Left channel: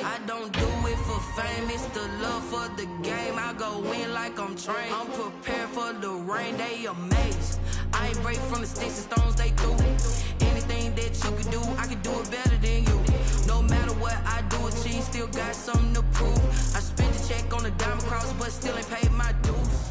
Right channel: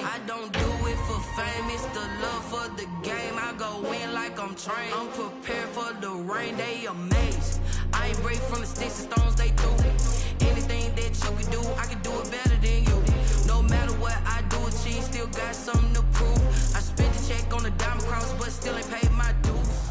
name. I don't do it for fame, it's the love for the game. I go in like I'm trained. I'm prepared for the rain, they amazed. I ain't break from the sticks and stones they threw. Anything that you can do, I can do it better than you. No matter what I do, achieve, still got something to prove. I spent the check on the diamond cross, but still ain't paid my dues.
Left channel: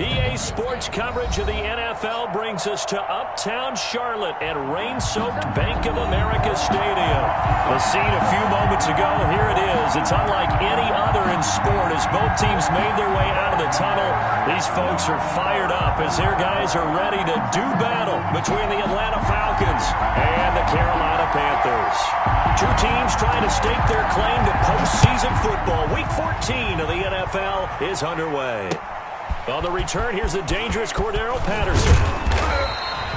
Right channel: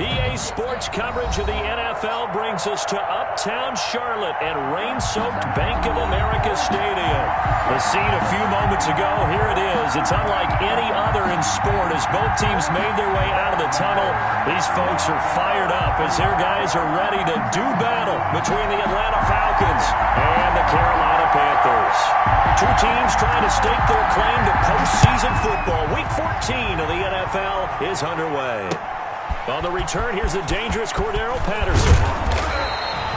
EA Sports coverage of the NFL brings us to Uptown Charlotte and rain-soaked Bank of America Stadium. The scene a few moments ago, here it is. It's unlike any other in sport as both teams made their way out of the tunnel. These folks are fired up as their guys are ready to do battle between the Atlanta Falcons and the Carolina Panthers. Two teams trying to stake their claim to postseason football. Week 14 of the NFL is underway. On the return, here's the dangerous Cordero Patterson.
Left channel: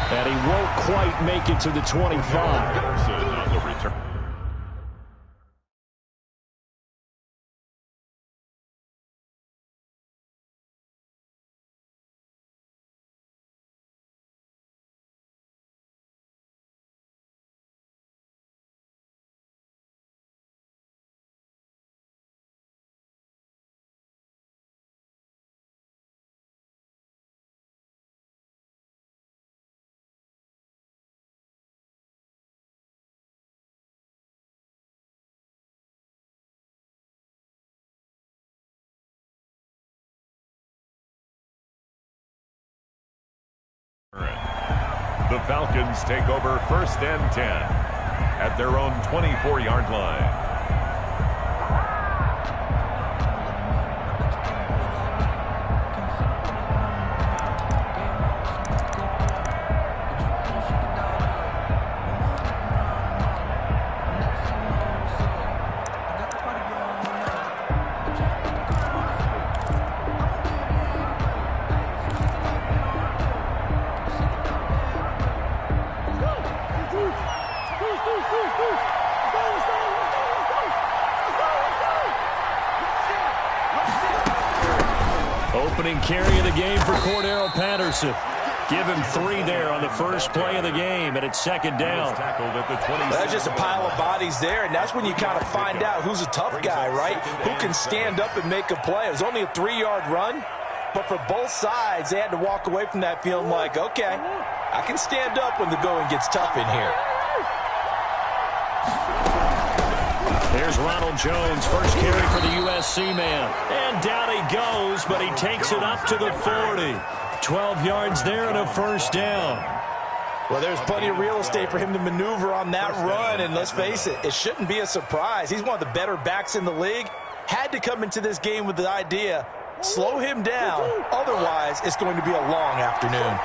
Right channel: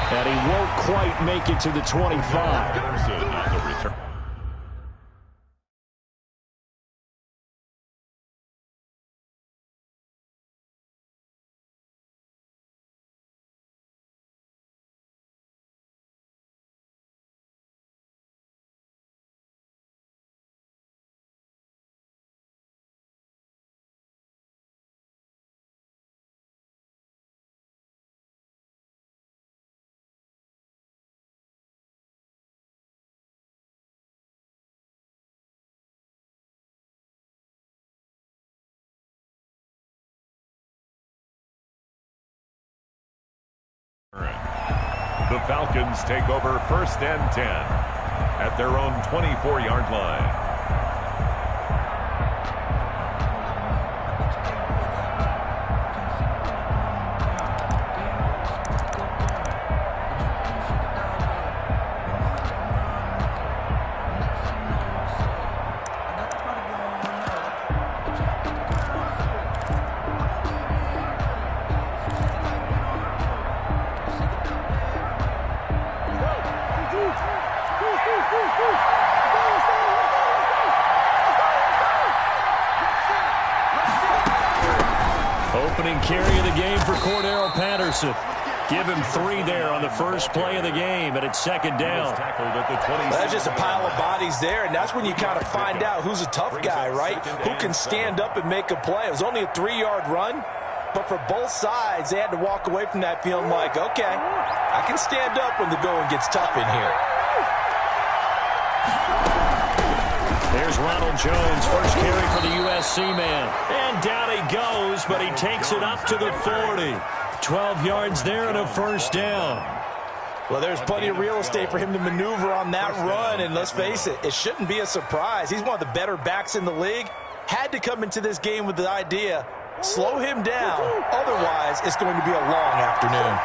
And he won't quite make it to the 25. Patterson on the return. The Falcons take over 1st and 10 at their own 24-yard line. Opening carry of the game for Cordero Patterson. Give him 3 there on the first play of the game, and it's 2nd down. That's just a pile of bodies there, and that's when you kind of find out who's a tough guy, right? Who can stand up and make a play. It was only a 3-yard run, but for both sides, they had to walk away from that feeling like, okay, I can stand up when the going gets tough in here. There's Ronald Jones, first carry for the USC man. And down he goes, but he takes it up to the 40. 12 yards there and a 1st down. Well, there's plenty of real estate for him to maneuver on that run, and let's face it, it shouldn't be a surprise. He's one of the better backs in the league. Had to come into this game with the idea, slow him down, otherwise it's going to be a long afternoon.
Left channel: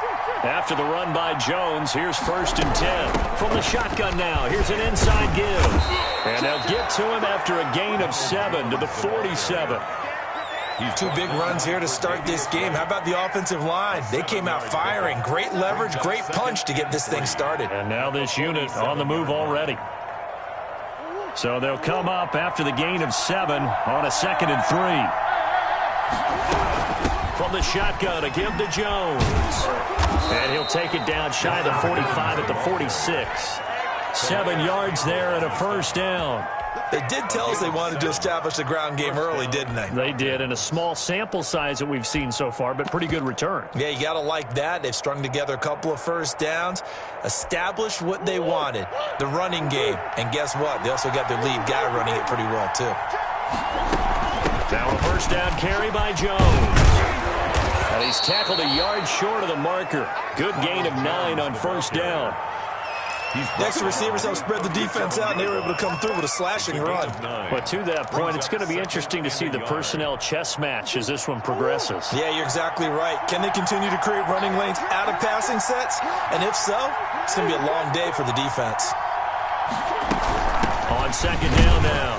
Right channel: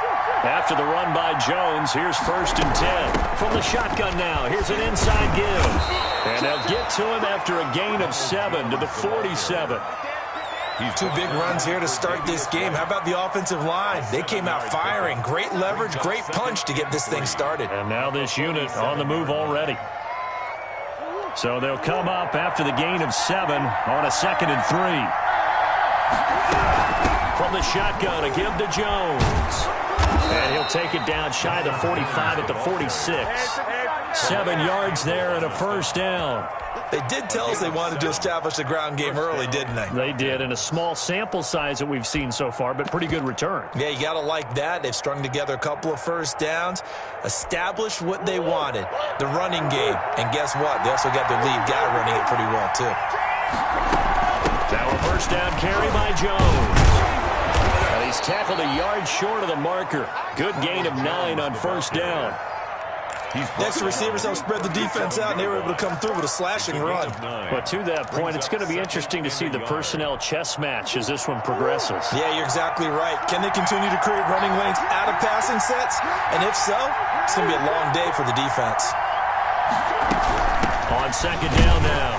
After the run by Jones, here's 1st and 10. From the shotgun now, here's an inside give. And they'll get to him after a gain of 7 to the 47. Two big runs here to start this game. How about the offensive line? They came out firing. Great leverage, great punch to get this thing started. And now this unit on the move already. So they'll come up after the gain of 7 on a 2nd and 3. From the shotgun, a give to Jones. And he'll take it down shy of the 45 at the 46. 7 yards there and a 1st down. They did tell us they wanted to establish the ground game early, didn't they? They did, in a small sample size that we've seen so far, but pretty good return. Yeah, you got to like that. They've strung together a couple of 1st downs, established what they wanted, the running game. And guess what? They also got their lead guy running it pretty well, too. Now a 1st down carry by Jones. And he's tackled a yard short of the marker. Good gain of 9 on 1st down. Next, receivers help spread the defense out, and they were able to come through with a slashing run. But to that point, it's going to be interesting to see the personnel chess match as this one progresses. Yeah, you're exactly right. Can they continue to create running lanes out of passing sets? And if so, it's going to be a long day for the defense. On 2nd down now,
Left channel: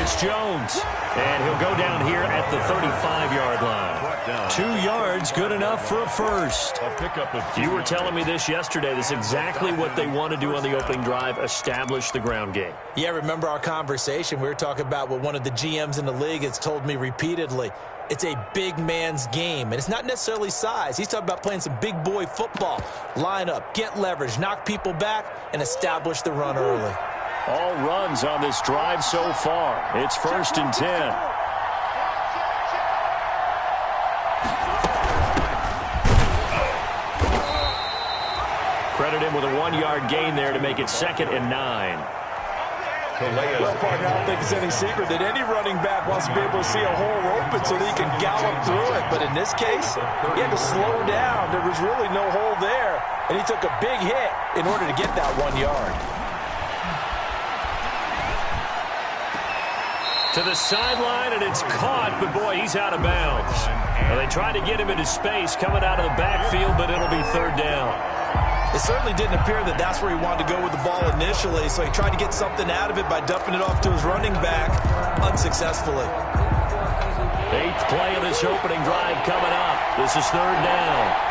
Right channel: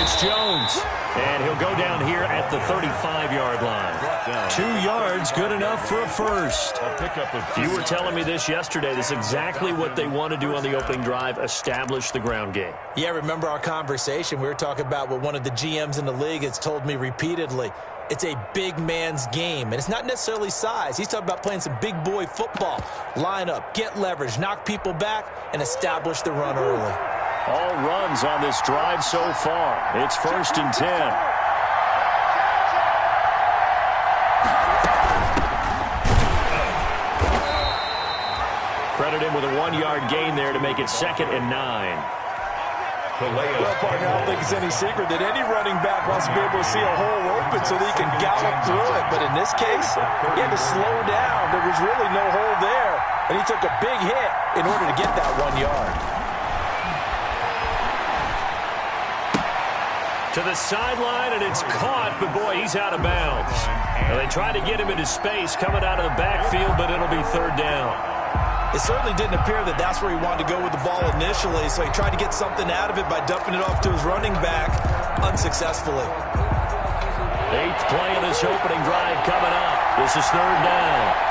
it's Jones. And he'll go down here at the 35-yard line. 2 yards, good enough for a 1st. You were telling me this yesterday. This is exactly what they want to do on the opening drive, establish the ground game. Yeah, remember our conversation? We were talking about what one of the GMs in the league has told me repeatedly. It's a big man's game, and it's not necessarily size. He's talking about playing some big boy football. Line up, get leverage, knock people back, and establish the run early. All runs on this drive so far. It's 1st and 10. Credit him with a 1-yard gain there to make it 2nd and 9. Well, partner, I don't think it's any secret that any running back wants to be able to see a hole open so that he can gallop through it. But in this case, he had to slow down. There was really no hole there, and he took a big hit in order to get that 1 yard. To the sideline, and it's caught, but boy, he's out of bounds. Now, they tried to get him into space coming out of the backfield, but it'll be 3rd down. It certainly didn't appear that that's where he wanted to go with the ball initially, so he tried to get something out of it by dumping it off to his running back unsuccessfully. 8th play of this opening drive coming up. This is 3rd down.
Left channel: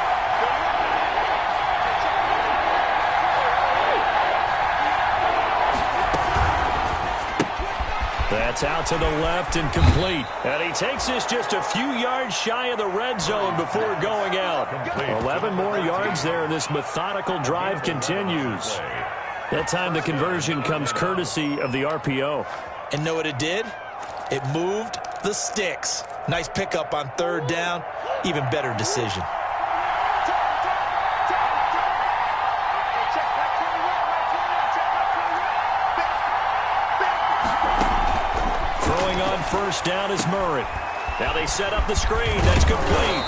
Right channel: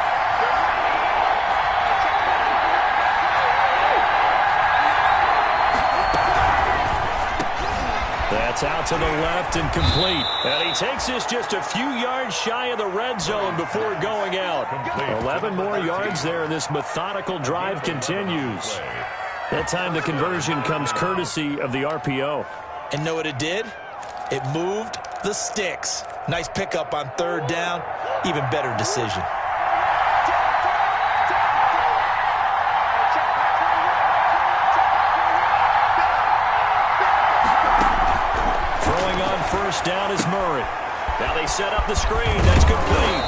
That's out to the left and complete. And he takes this just a few yards shy of the red zone before going out. 11 more yards there, and this methodical drive continues. That time the conversion comes courtesy of the RPO. And know what it did? It moved the sticks. Nice pickup on 3rd down. Even better decision. Throwing on 1st down is Murray. Now they set up the screen. That's complete.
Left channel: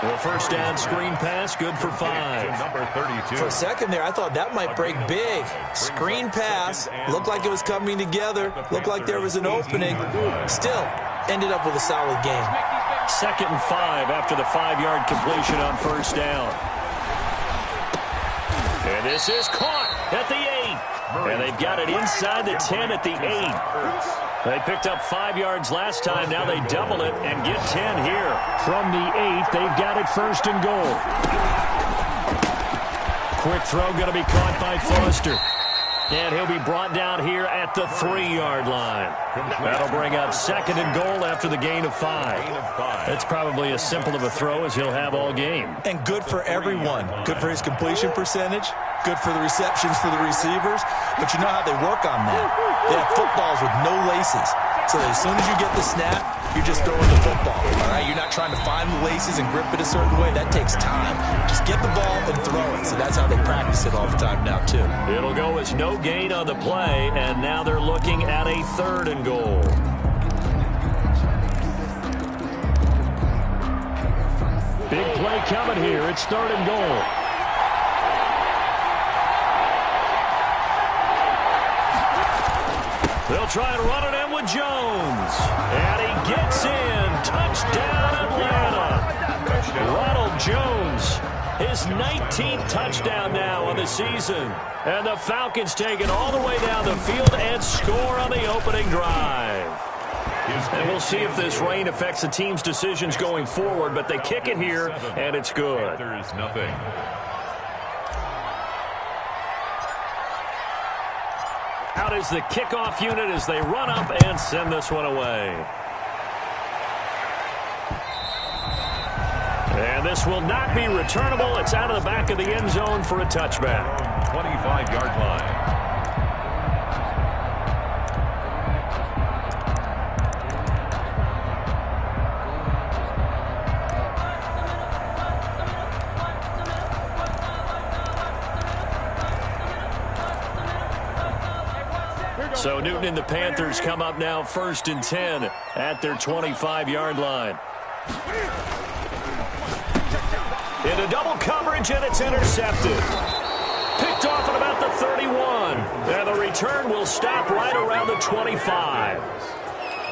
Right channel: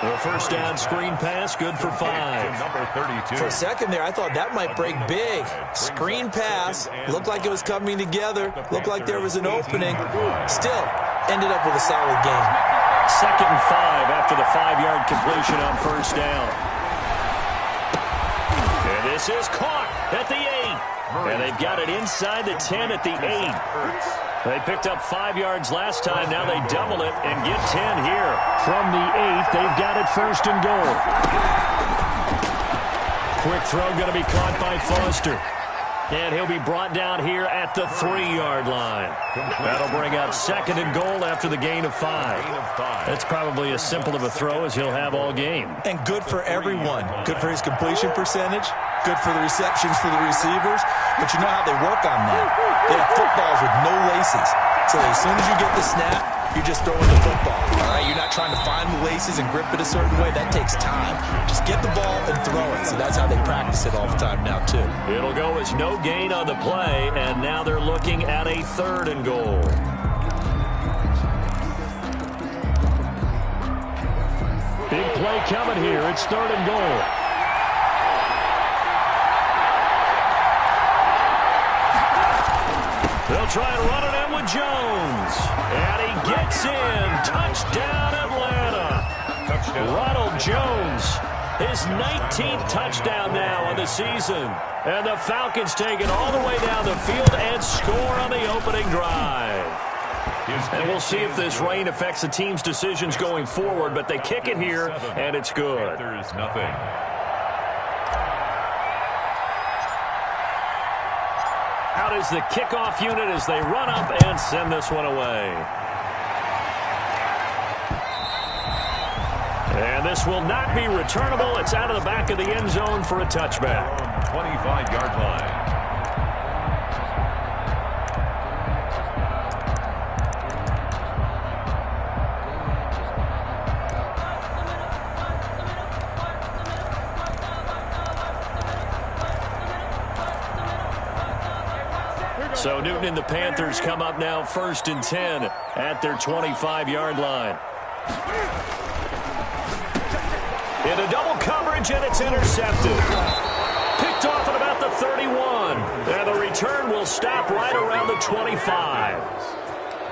The 1st down screen pass, good for 5. Number 32. For a second there, I thought that might break big. Screen pass. Looked like it was coming together. Looked like there was an opening. Still, ended up with a solid game. 2nd and 5 after the 5-yard completion on 1st down. And this is caught at the 8. And they've got it inside the 10 at the 8. They picked up 5 yards last time. Now they double it and get 10 here. From the 8, they've got it 1st and goal. Quick throw going to be caught by Foster. And he'll be brought down here at the 3-yard line. That'll bring up 2nd and goal after the gain of 5. That's probably as simple of a throw as he'll have all game. And good for everyone. Good for his completion percentage. Good for the receptions for the receivers. But you know how they work on that. They have footballs with no laces. So that as soon as you get the snap, you're just throwing the football. All right? You're not trying to find the laces and grip it a certain way. That takes time. Just get the ball and throw it. So that's how they practice it all the time now, too. It'll go as no gain on the play, and now they're looking at a 3rd and goal. Big play coming here. It's 3rd and goal. They'll try and run it in with Jones. And he gets in. Touchdown, Atlanta. Ronald Jones, his 19th touchdown now on the season. And the Falcons take it all the way down the field and score on the opening drive. And we'll see if this rain affects the team's decisions going forward, but they kick it here, and it's good. There's nothing. Out is the kickoff unit as they run up and send this one away. And this will not be returnable. It's out of the back of the end zone for a touchback. 25-yard line. So Newton and the Panthers come up now 1st and 10 at their 25-yard line. Into double coverage, and it's intercepted. Picked off at about the 31. And the return will stop right around the 25.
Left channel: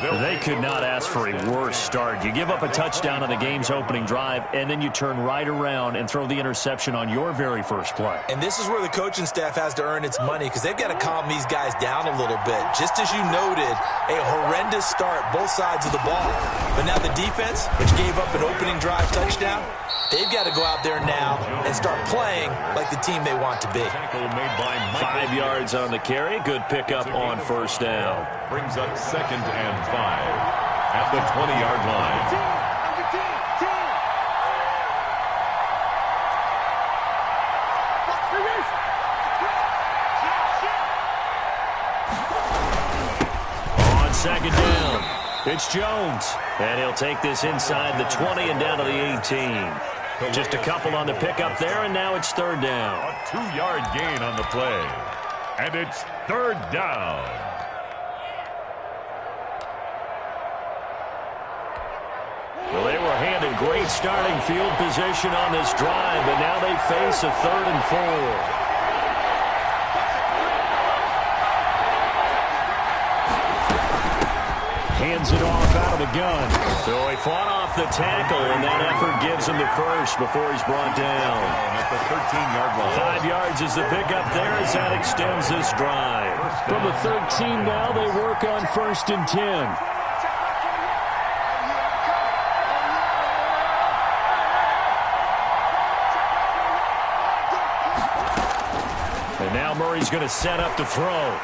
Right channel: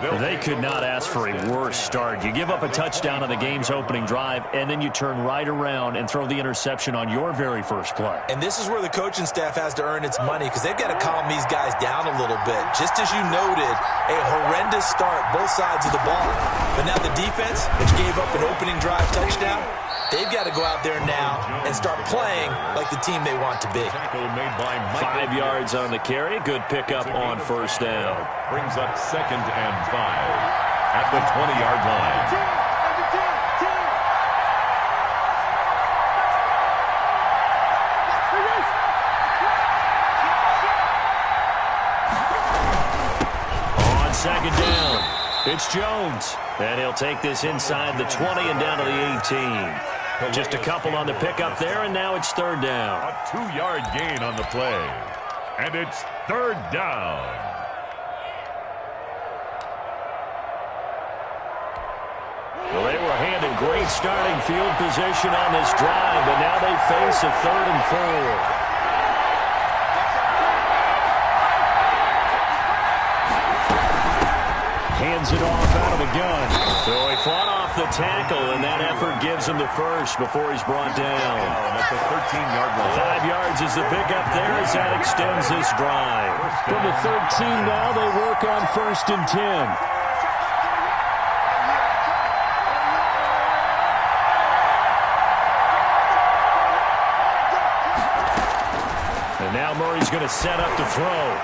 They could not ask for a worse start. You give up a touchdown on the game's opening drive, and then you turn right around and throw the interception on your very first play. And this is where the coaching staff has to earn its money, because they've got to calm these guys down a little bit. Just as you noted, a horrendous start, both sides of the ball. But now the defense, which gave up an opening drive touchdown, they've got to go out there now and start playing like the team they want to be. 5 yards on the carry. Good pickup on 1st down. Brings up 2nd and 5 at the 20-yard line. second down. It's Jones, and he'll take this inside the 20 and down to the 18. Just a couple on the pickup there, and now it's third down. A 2-yard gain on the play. And it's third down. Well, they were handed great starting field position on this drive, but now they face a 3rd and 4. Hands it off out of the gun. So he fought off the tackle, and that effort gives him the first before he's brought down. At the 13-yard line. 5 yards is the pickup there as that extends this drive. From the 13 now, they work on 1st and 10. And now Murray's going to set up to throw.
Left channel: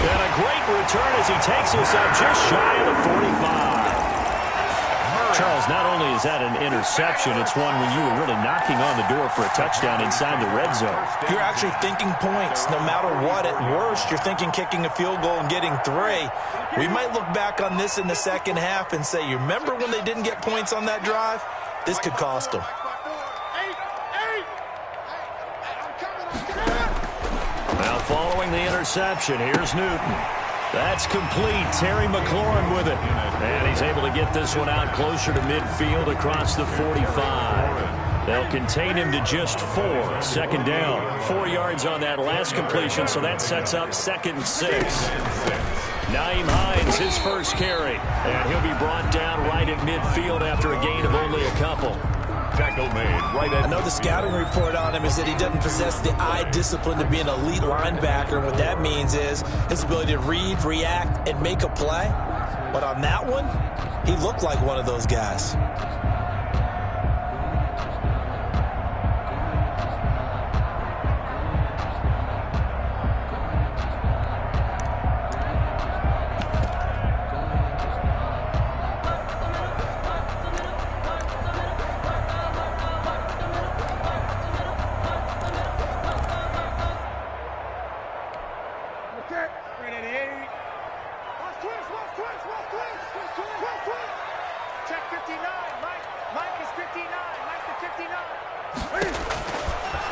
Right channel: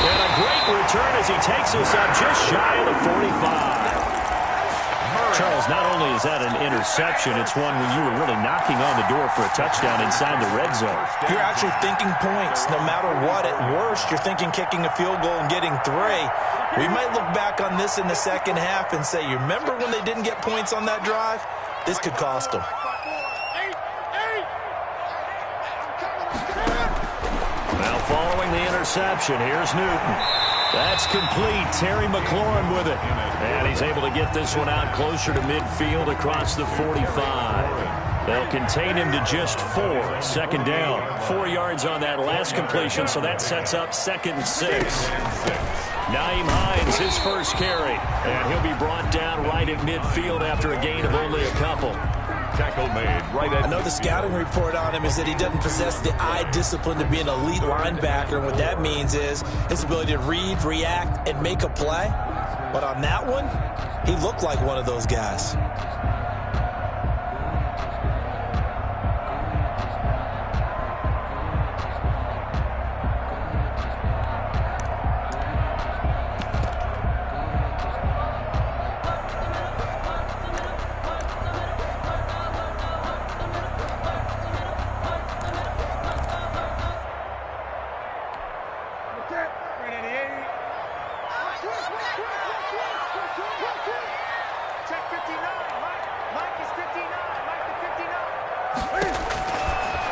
And a great return as he takes us up just shy of the 45. Charles, not only is that an interception, it's one when you were really knocking on the door for a touchdown inside the red zone. You're actually thinking points. No matter what, at worst, you're thinking kicking a field goal and getting 3. We might look back on this in the second half and say, you remember when they didn't get points on that drive? This could cost them. Now following the interception, here's Newton. That's complete. Terry McLaurin with it. And he's able to get this one out closer to midfield across the 45. They'll contain him to just 4. Second down. 4 yards on that last completion, so that sets up 2nd and 6. Naeem Hines, his first carry. And he'll be brought down right at midfield after a gain of only a couple. Tackle made right at. I know the scouting report on him is that he doesn't possess the eye discipline to be an elite linebacker. And what that means is his ability to read, react, and make a play. But on that one, he looked like one of those guys.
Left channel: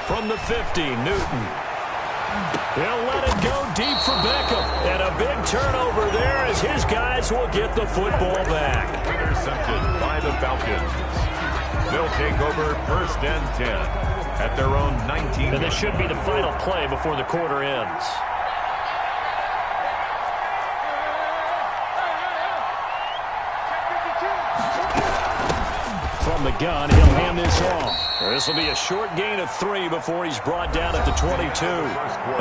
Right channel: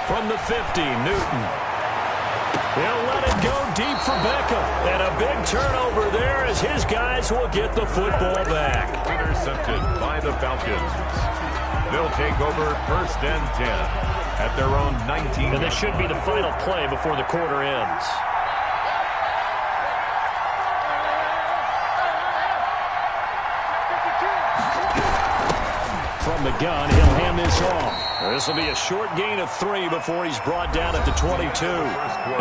From the 50, Newton. He'll let it go deep for Beckham. And a big turnover there as his guys will get the football back. Intercepted by the Falcons. They'll take over 1st and 10 at their own 19. And this should be the final play before the quarter ends. From the gun, he'll hand this off. This will be a short gain of 3 before he's brought down at the 22.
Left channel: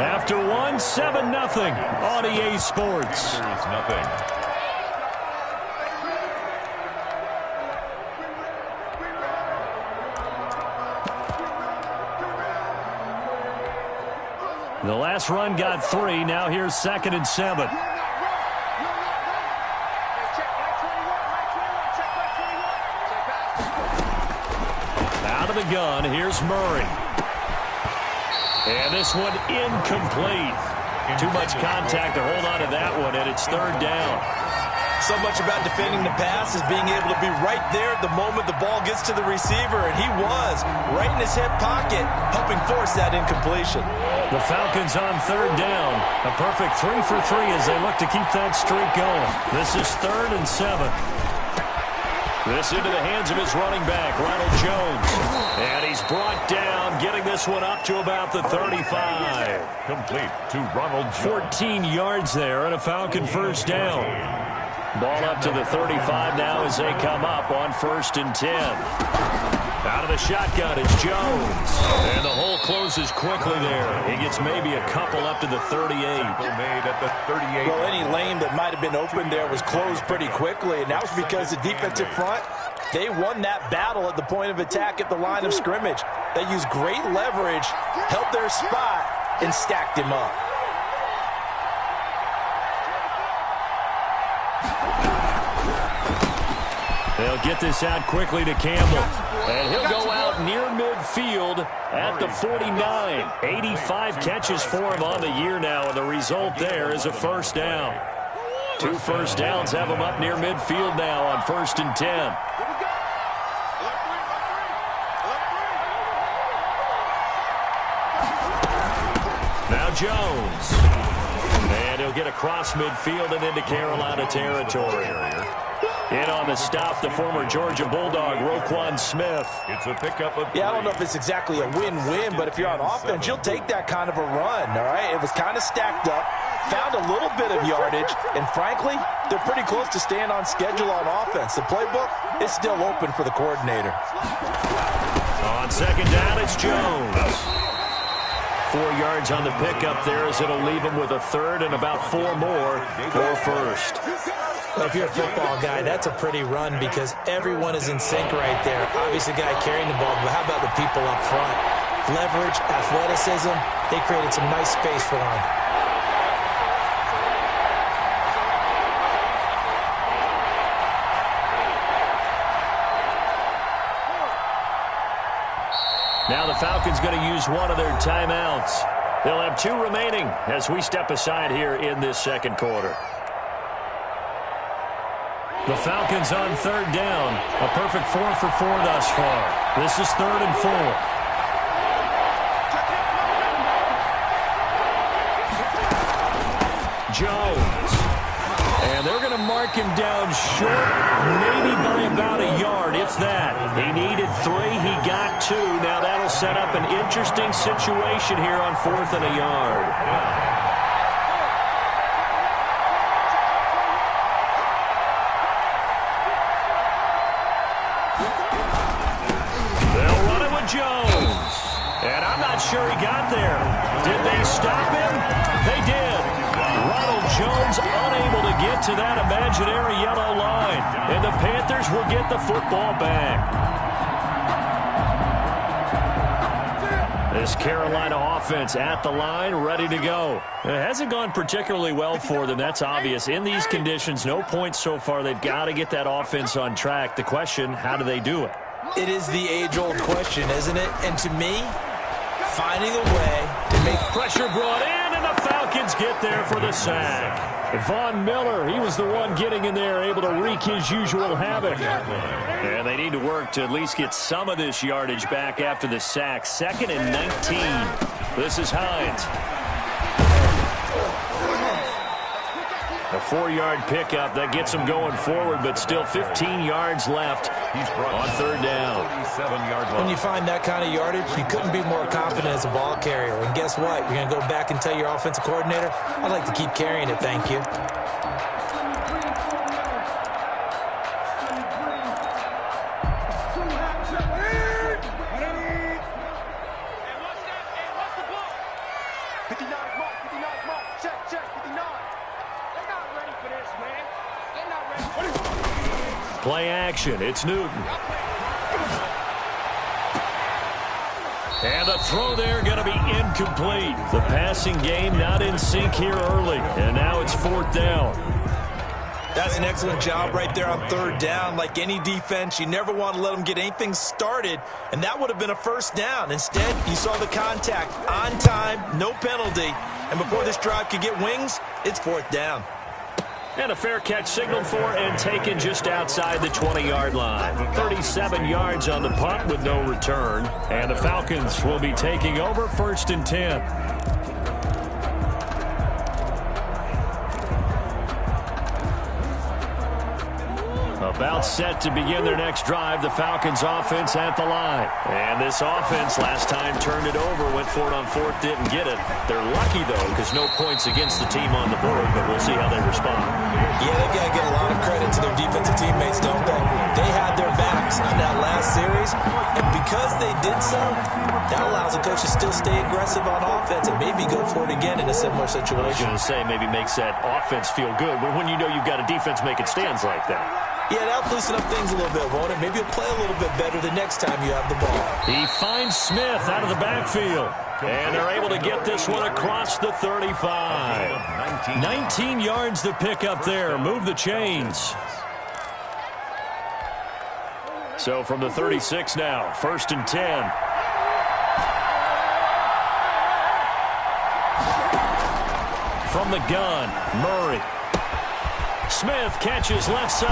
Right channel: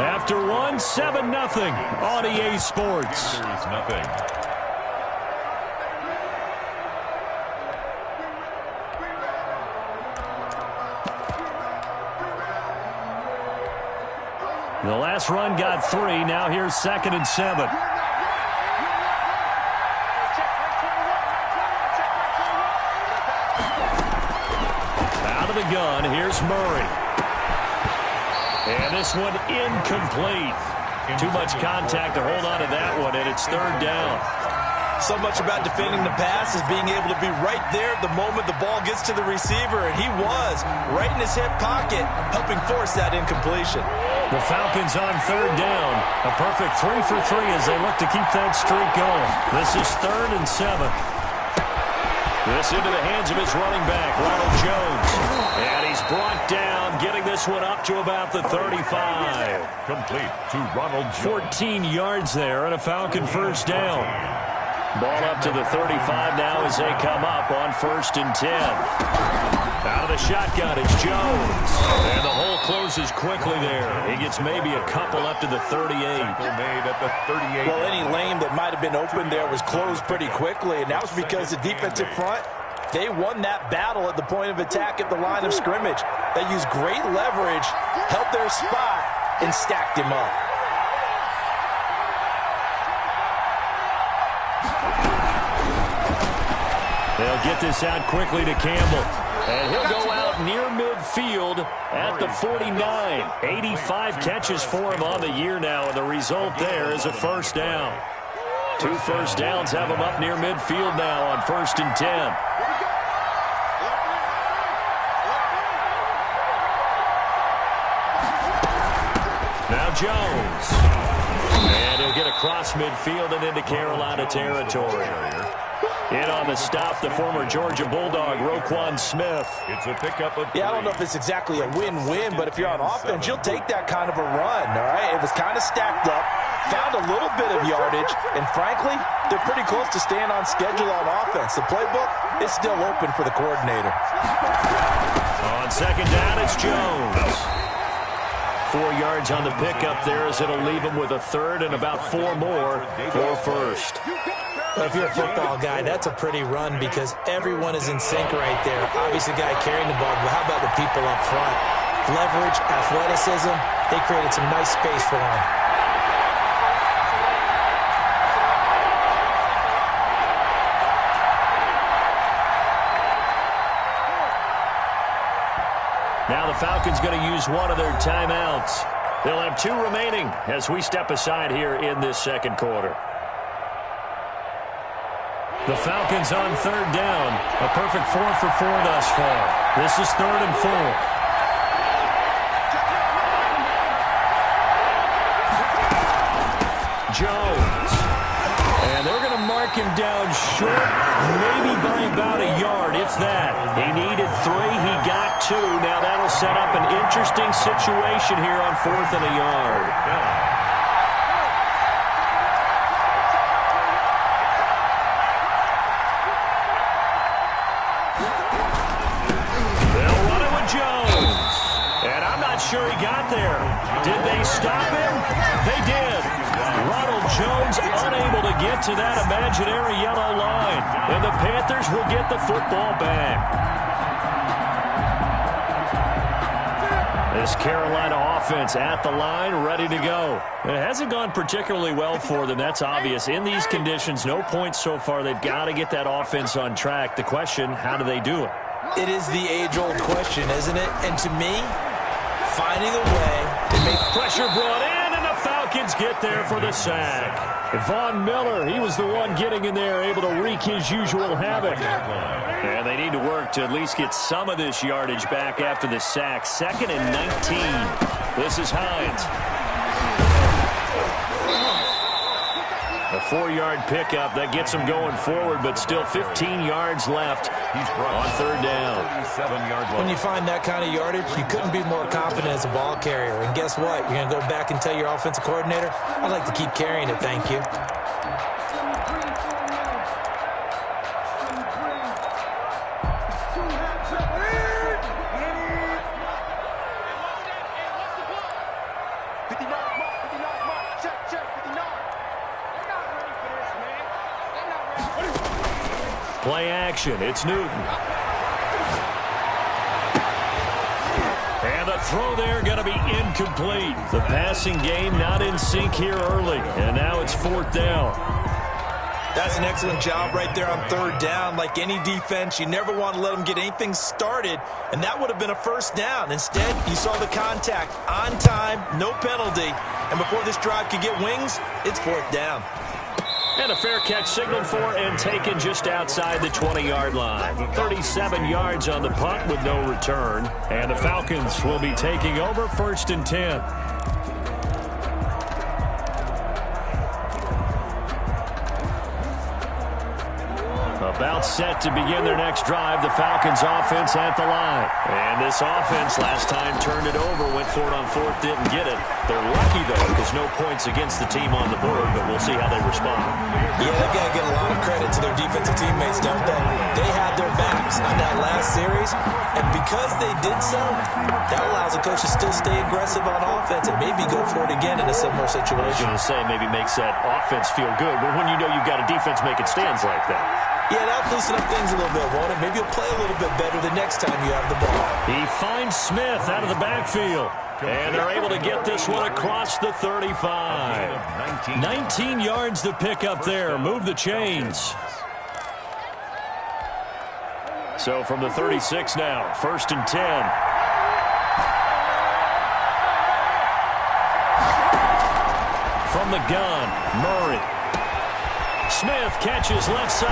After 1, 7-0 on EA Sports. There's nothing. The last run got 3. Now here's 2nd and 7. Out of the gun, here's Murray. And this one incomplete. Too much contact to hold on to that one, and it's 3rd down. So much about defending the pass is being able to be right there at the moment the ball gets to the receiver, and he was right in his hip pocket, helping force that incompletion. The Falcons on 3rd down. A perfect 3 for 3 as they look to keep that streak going. This is 3rd and 7. This into the hands of his running back, Ronald Jones. And he's brought down, getting this one up to about the 35. Complete to Ronald Jones. 14 yards there and a Falcon 1st down. Ball up to the 35 now as they come up on 1st and 10. Out of the shotgun, it's Jones. And the hole closes quickly there. He gets maybe a couple up to the 38. Made at the 38. Well, any lane that might have been open there was closed pretty quickly, and that was because the defensive front, they won that battle at the point of attack at the line of scrimmage. They used great leverage, held their spot, and stacked him up. They'll get this out quickly to Campbell. And he'll go out near midfield at the 49. 85 catches for him on the year now, and the result there is a first down. 2 first downs have him up near midfield now on 1st and 10. Now Jones. And he'll get across midfield and into Carolina territory. In on the stop, the former Georgia Bulldog, Roquan Smith. It's a pickup of 3. Yeah, I don't know if it's exactly a win-win, but if you're on offense, you'll take that kind of a run, all right? It was kind of stacked up, found a little bit of yardage, and frankly, they're pretty close to staying on schedule on offense. The playbook is still open for the coordinator. On 2nd down, it's Jones. 4 yards on the pickup there as it'll leave him with a 3rd and about 4 more for 1st. Well, if you're a football guy, that's a pretty run because everyone is in sync right there. Obviously, the guy carrying the ball, but how about the people up front? Leverage, athleticism, they created some nice space for him. Now the Falcons going to use one of their timeouts. They'll have 2 remaining as we step aside here in this 2nd quarter. The Falcons on 3rd down. A perfect 4 for 4 thus far. This is 3rd and 4. Jones. And they're going to mark him down short, maybe by about a yard, if that. He needed 3. He got 2. Now that'll set up an interesting situation here on 4th and a yard. Jones. And I'm not sure he got there. Did they stop him? They did. Ronald Jones unable to get to that imaginary yellow line. And the Panthers will get the football back. This Carolina offense at the line, ready to go. It hasn't gone particularly well for them. That's obvious. In these conditions, no points so far. They've got to get that offense on track. The question, how do they do it? It is the age-old question, isn't it? And to me, finding a way to make pressure brought in, and the Falcons get there for the sack. Von Miller, he was the one getting in there, able to wreak his usual havoc. And they need to work to at least get some of this yardage back after the sack. 2nd and 19. This is Hines. A 4-yard pickup that gets him going forward, but still 15 yards left on 3rd down. When you find that kind of yardage, you couldn't be more confident as a ball carrier. And guess what? You're going to go back and tell your offensive coordinator, I'd like to keep carrying it, thank you. Play action. It's Newton. And the throw there going to be incomplete. The passing game not in sync here early. And now it's 4th down. That's an excellent job right there on 3rd down. Like any defense, you never want to let them get anything started. And that would have been a 1st down. Instead, you saw the contact on time, no penalty. And before this drive could get wings, it's 4th down. And a fair catch signaled for and taken just outside the 20-yard line. 37 yards on the punt with no return. And the Falcons will be taking over 1st and 10. About set to begin their next drive, the Falcons offense at the line. And this offense last time turned it over, went for it on 4th, didn't get it. They're lucky, though, because no points against the team on the board, but we'll see how they respond. Yeah, they've got to get a lot of credit to their defensive teammates, don't they? They had their backs on that last series, and because they did so, that allows the coach to still stay aggressive on offense and maybe go for it again in a similar situation. I was going to say, maybe makes that offense feel good, but when you know you've got a defense making stands like that. Yeah, that'll loosen up things a little bit, won't it? Maybe you'll play a little bit better the next time you have the ball. He finds Smith out of the backfield. And they're able to get this one across the 35. 19 yards to pick up there. Move the chains. So from the 36 now, 1st and 10. From the gun, Murray. Smith catches left side.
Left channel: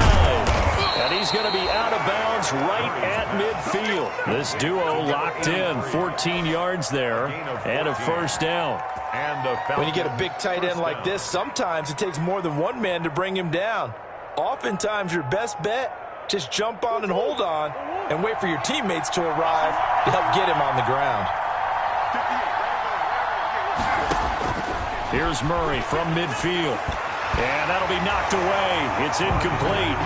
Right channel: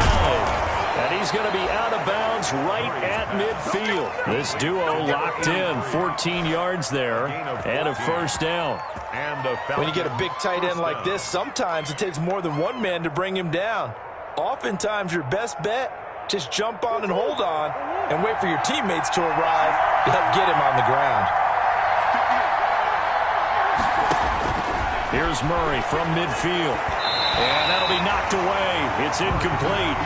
And he's going to be out of bounds right at midfield. This duo locked in, 14 yards there, and a first down. When you get a big tight end like this, sometimes it takes more than one man to bring him down. Oftentimes, your best bet, just jump on and hold on and wait for your teammates to arrive to help get him on the ground. Here's Murray from midfield. And that'll be knocked away. It's incomplete.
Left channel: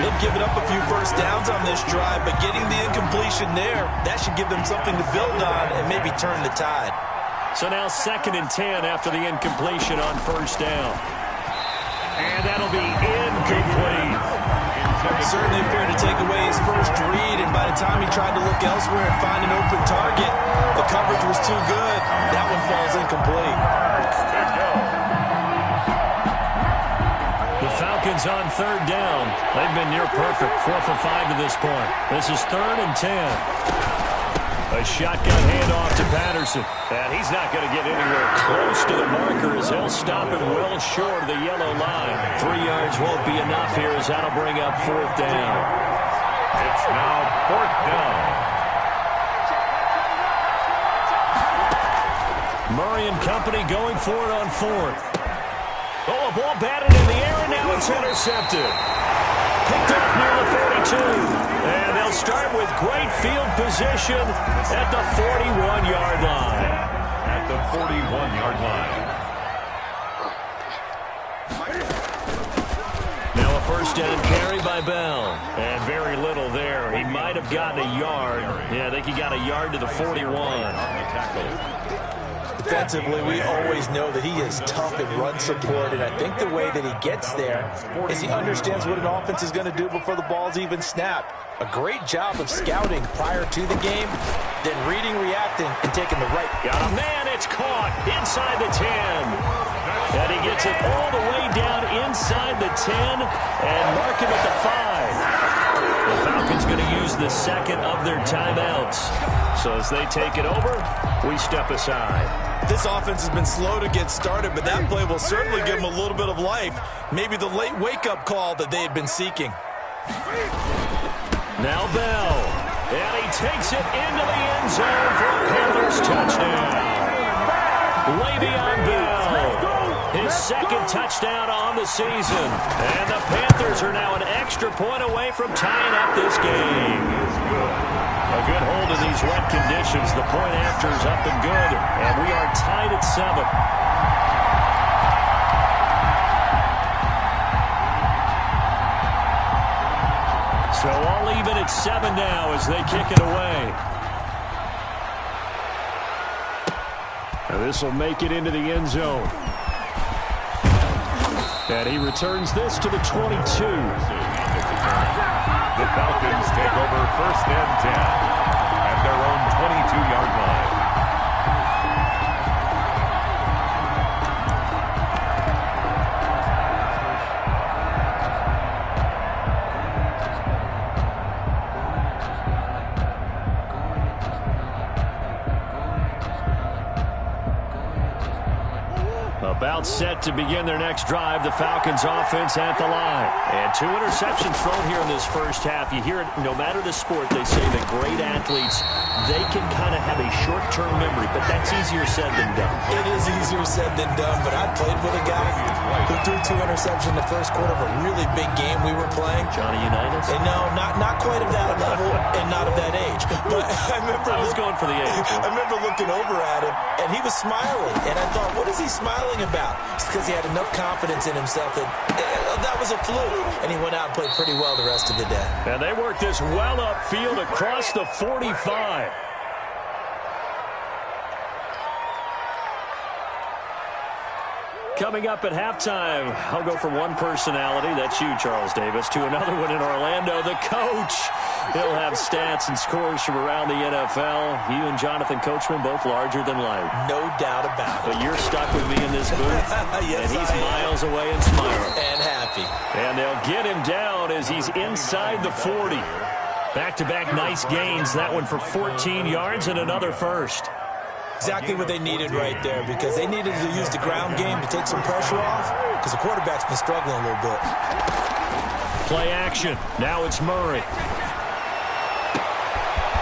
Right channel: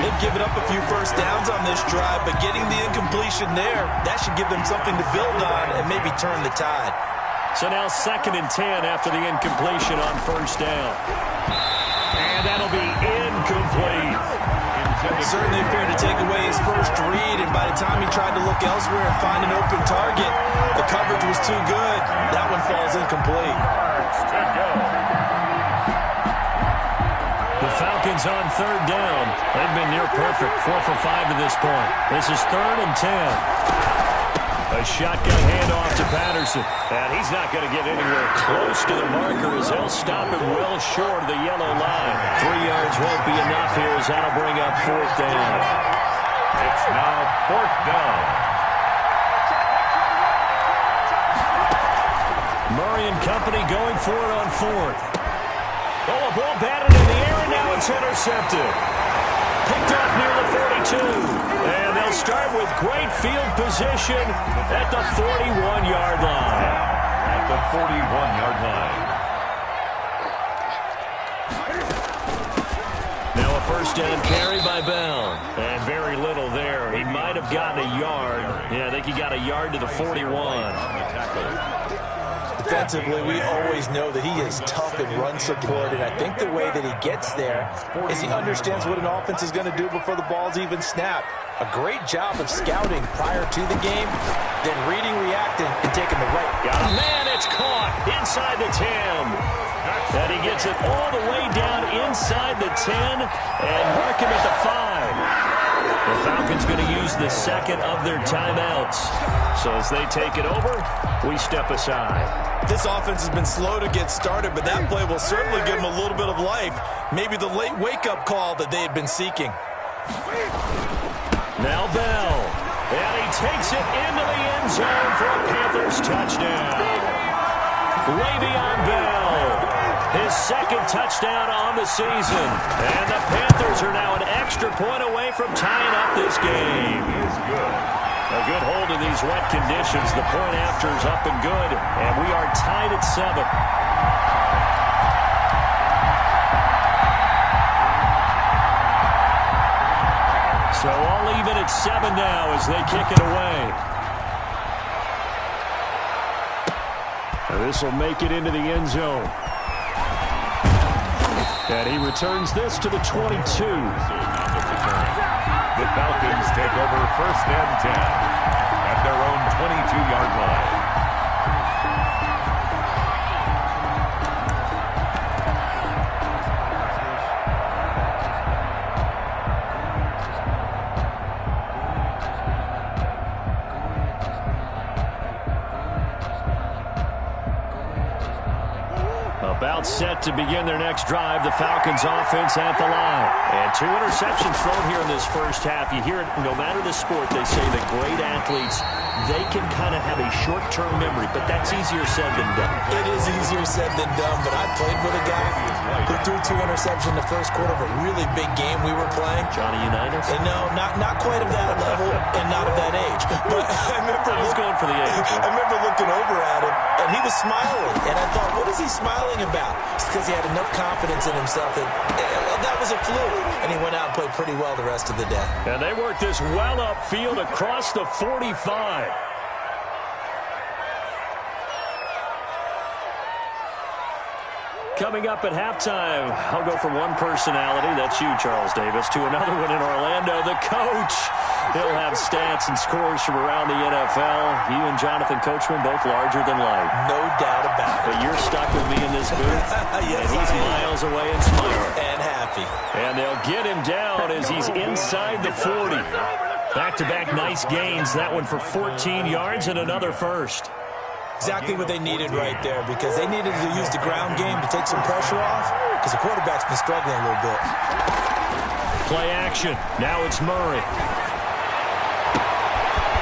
They've given up a few first downs on this drive, but getting the incompletion there, that should give them something to build on and maybe turn the tide. So now 2nd and 10 after the incompletion on first down. And that'll be incomplete. Certainly appeared to take away his first read, and by the time he tried to look elsewhere and find an open target, the coverage was too good. That one falls incomplete. The Falcons on 3rd down. They've been near perfect, 4 for 5 to this point. This is 3rd and 10. A shotgun handoff to Patterson. And he's not going to get anywhere close to the marker as they'll stop him well short of the yellow line. 3 yards won't be enough here as that'll bring up 4th down. It's now 4th down. Murray and company going for it on 4th. Oh, a ball batted in the air, and now it's intercepted. Picked off near the 42. And they'll start with great field position at the 41-yard line. At the 41-yard line. Now a first down carry by Bell. And very little there. He might have gotten a yard. Yeah, I think he got a yard to the 41. Defensively, we always know that he is tough in run support, and I think the way that he gets there is he understands what an offense is going to do before the ball's even snapped. A great job of scouting prior to the game, then reading, reacting, and taking the right. Got a man, it's caught inside the 10. And he gets it all the way down inside the 10 and mark him at the 5. The Falcons going to use the second of their timeouts. So as they take it over, we step aside. This offense has been slow to get started, but that play will certainly give them a little bit of life. Maybe the late wake-up call that they had been seeking. Now Bell. And he takes it into the end zone for a Panthers touchdown. Le'Veon Bell, his second touchdown on the season. And the Panthers are now an extra point away from tying up this game. A good hold in these wet conditions. The point after is up and good. And we are tied at 7. So all even at 7 now as they kick it away. And this will make it into the end zone. And he returns this to the 22. The Falcons take over 1st and 10 at their own 22-yard line. About set to begin their next drive. The Falcons offense at the line. And 2 interceptions thrown here in this first half. You hear it, no matter the sport, they say that great athletes, they can kind of have a short-term memory, but that's easier said than done. It is easier said than done, but I played with a guy who threw 2 interceptions in the first quarter of a really big game we were playing. Johnny Unitas? And no, not quite of that level and not of that age. But I was going for the age. I remember looking over at him, and he was smiling. And I thought, what is he smiling about? It's because he had enough confidence in himself that was a fluke. And he went out and played pretty well the rest of the day. And they worked this well upfield across the 45. Coming up at halftime, I'll go from one personality, that's you, Charles Davis, to another one in Orlando, the coach. He'll have stats and scores from around the NFL. You and Jonathan Coachman, both larger than life. No doubt about it. But you're stuck with me in this booth, yes, and he's miles away and smiling. And happy. And they'll get him down as he's inside the 40. Back-to-back nice gains. That one for 14 yards and another first. Exactly what they needed right there, because they needed to use the ground game to take some pressure off, because the quarterback's been struggling a little bit. Play action. Now it's Murray.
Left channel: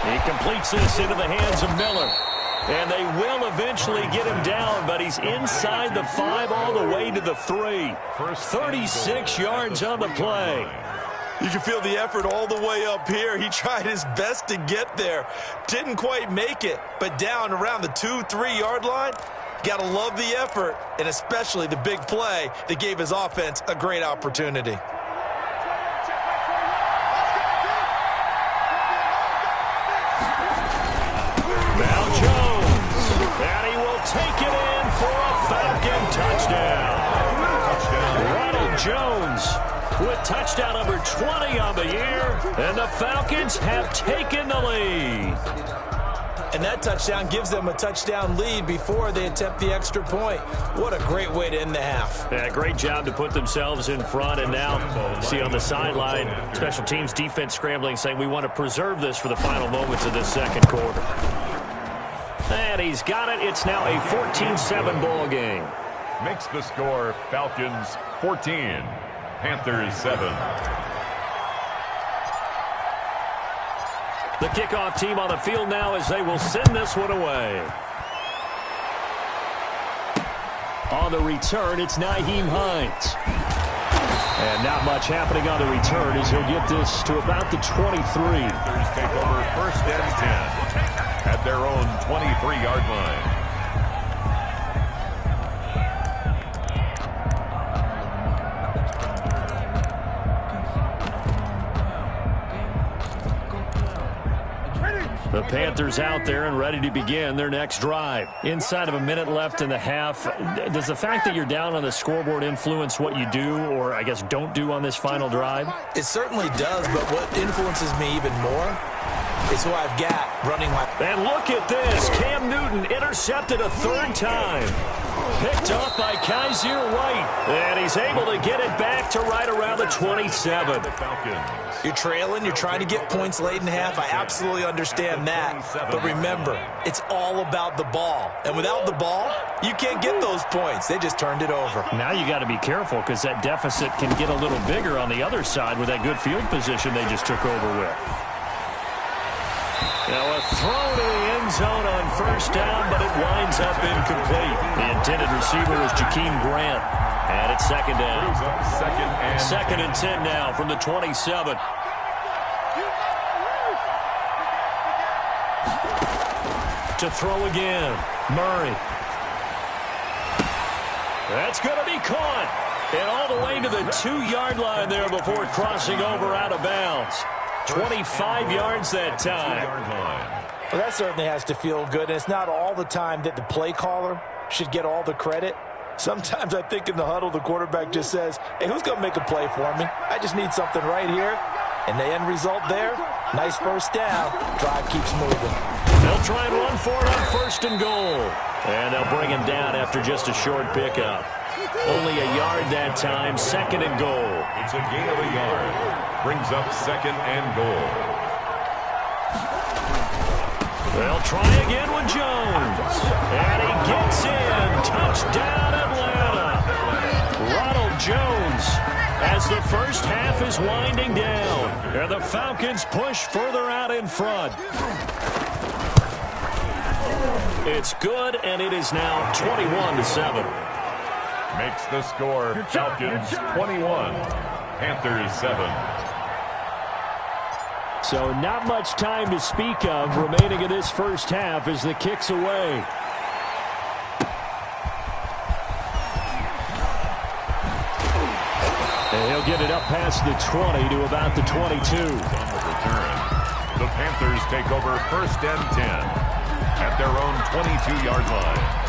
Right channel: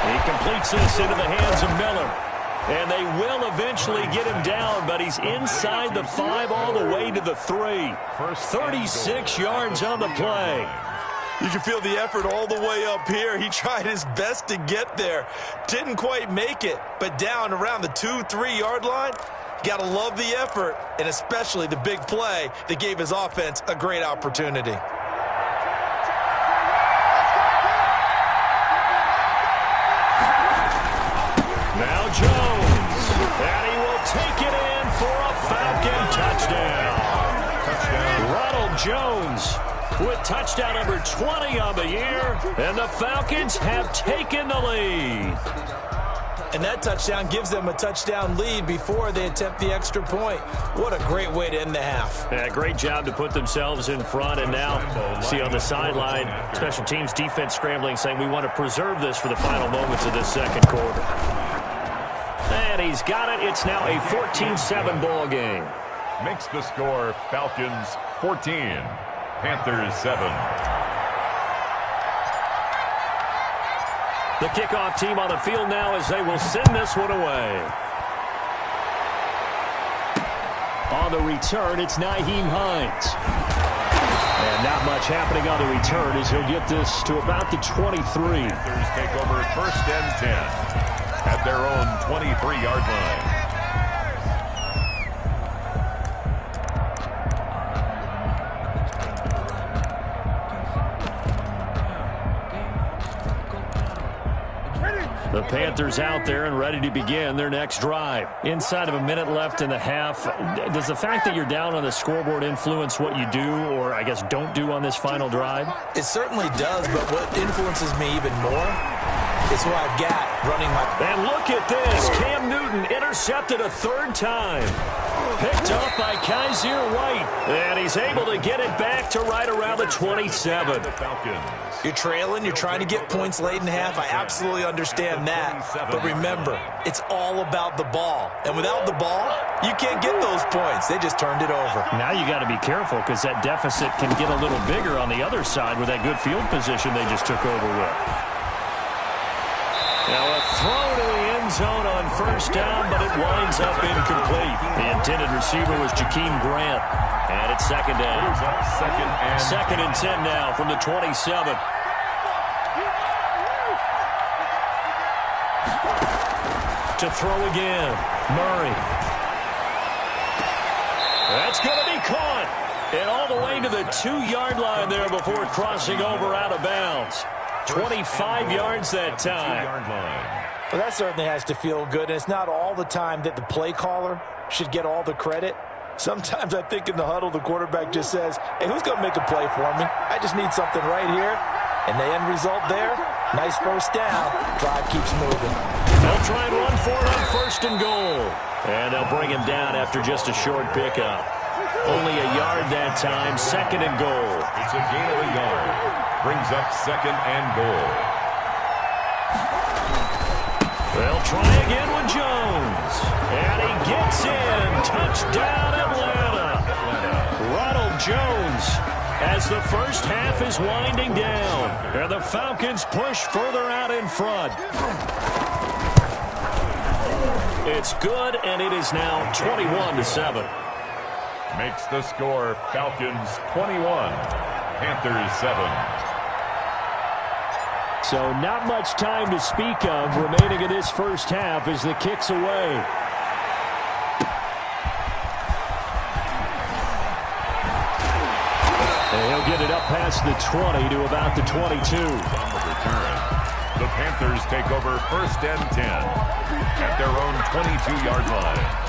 He completes this into the hands of Miller. And they will eventually get him down, but he's inside the 5 all the way to the 3. 36 yards on the play. You can feel the effort all the way up here. He tried his best to get there. Didn't quite make it, but down around the 2-3 yard line, you got to love the effort, and especially the big play that gave his offense a great opportunity. Now Jones, and he will take it in for a Falcon touchdown. Ronald Jones with touchdown number 20 on the year, and the Falcons have taken the lead. And that touchdown gives them a touchdown lead before they attempt the extra point. What a great way to end the half. Yeah, great job to put themselves in front, and now see on the sideline, special teams defense scrambling, saying we want to preserve this for the final moments of this second quarter. And he's got it. It's now a 14-7 ball game. Makes the score Falcons 14, Panthers 7. The kickoff team on the field now as they will send this one away. On the return, it's Nyheim Hines. And not much happening on the return as he'll get this to about the 23. Panthers take over 1st and 10 at their own 23-yard line. The Panthers out there and ready to begin their next drive. Inside of a minute left in the half, does the fact that you're down on the scoreboard influence what you do, or I guess don't do on this final drive? It certainly does, but what influences me even more is who I've got running my... And look at this. Cam Newton intercepted a 3rd time. Picked off by Kaiser White. And he's able to get it back to right around the 27. You're trailing. You're trying to get points late in half. I absolutely understand that. But remember, it's all about the ball. And without the ball, you can't get those points. They just turned it over. Now you got to be careful because that deficit can get a little bigger on the other side with that good field position they just took over with. Now a throw to the end zone on 1st down, but it winds up incomplete. The intended receiver was Jakeem Grant. And it's 2nd down. 2nd and 10 now from the 27. To throw again. Murray. That's going to be caught. And all the way to the 2-yard line there before crossing over out of bounds. 25 yards that time. Well, that certainly has to feel good. And it's not all the time that the play caller should get all the credit. Sometimes I think in the huddle, the quarterback just says, hey, who's going to make a play for me? I just need something right here. And the end result there, nice 1st down. Drive keeps moving. They'll try and run for it on 1st and goal. And they'll bring him down after just a short pickup. Only a yard that time, 2nd and goal. It's a gain of a yard. Brings up 2nd and goal. They'll try again with Jones. And he gets in. Touchdown, Atlanta. Ronald Jones as the first half is winding down. And the Falcons push further out in front. It's good, and it is now 21-7. Makes the score Falcons 21, Panthers 7. So not much time to speak of remaining in this first half as the kick's away. And he'll get it up past the 20 to about the 22. On the return, the Panthers take over 1st and 10 at their own 22-yard line.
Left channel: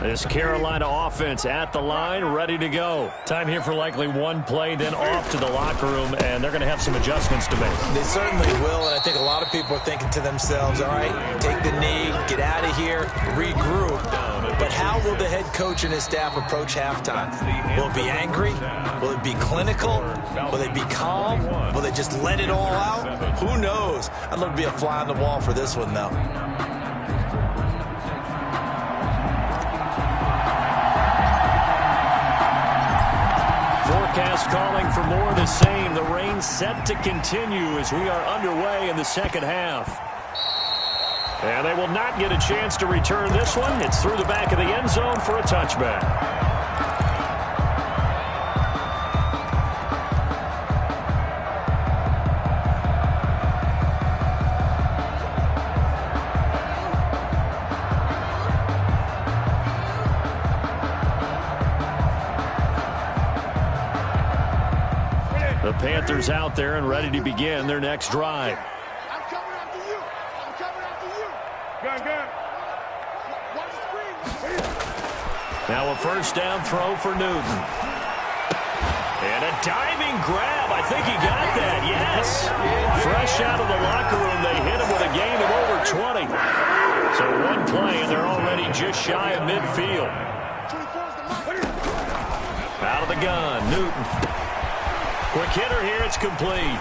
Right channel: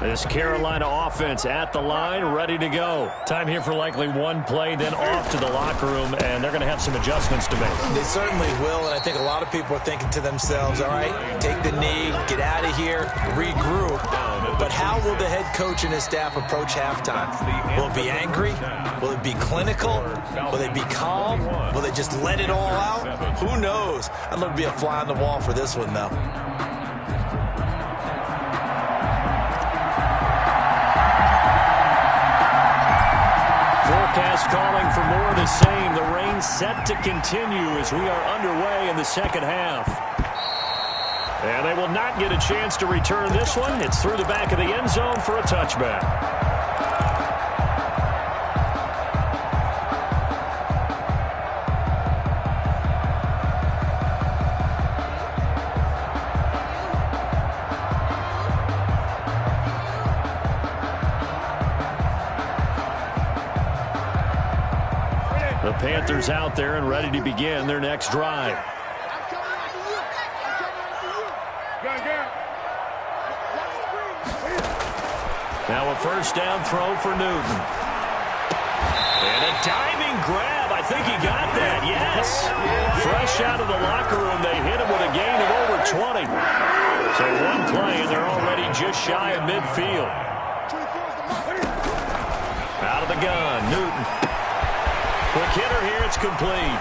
This Carolina offense at the line, ready to go. Time here for likely one play, then off to the locker room, and they're going to have some adjustments to make. They certainly will, and I think a lot of people are thinking to themselves, all right, take the knee, get out of here, regroup. But how will the head coach and his staff approach halftime? Will it be angry? Will it be clinical? Will they be calm? Will they just let it all out? Who knows? I'd love to be a fly on the wall for this one, though. Forecast calling for more of the same. The rain set to continue as we are underway in the second half. And they will not get a chance to return this one. It's through the back of the end zone for a touchback. The Panthers out there and ready to begin their next drive. I'm coming after you. I'm coming after you. Now a first down throw for Newton. And a diving grab. I think he got that. Yes. Fresh out of the locker room, they hit him with a gain of over 20. So one play, and they're already just shy of midfield. Out of the gun, Newton. Quick hitter here, it's complete.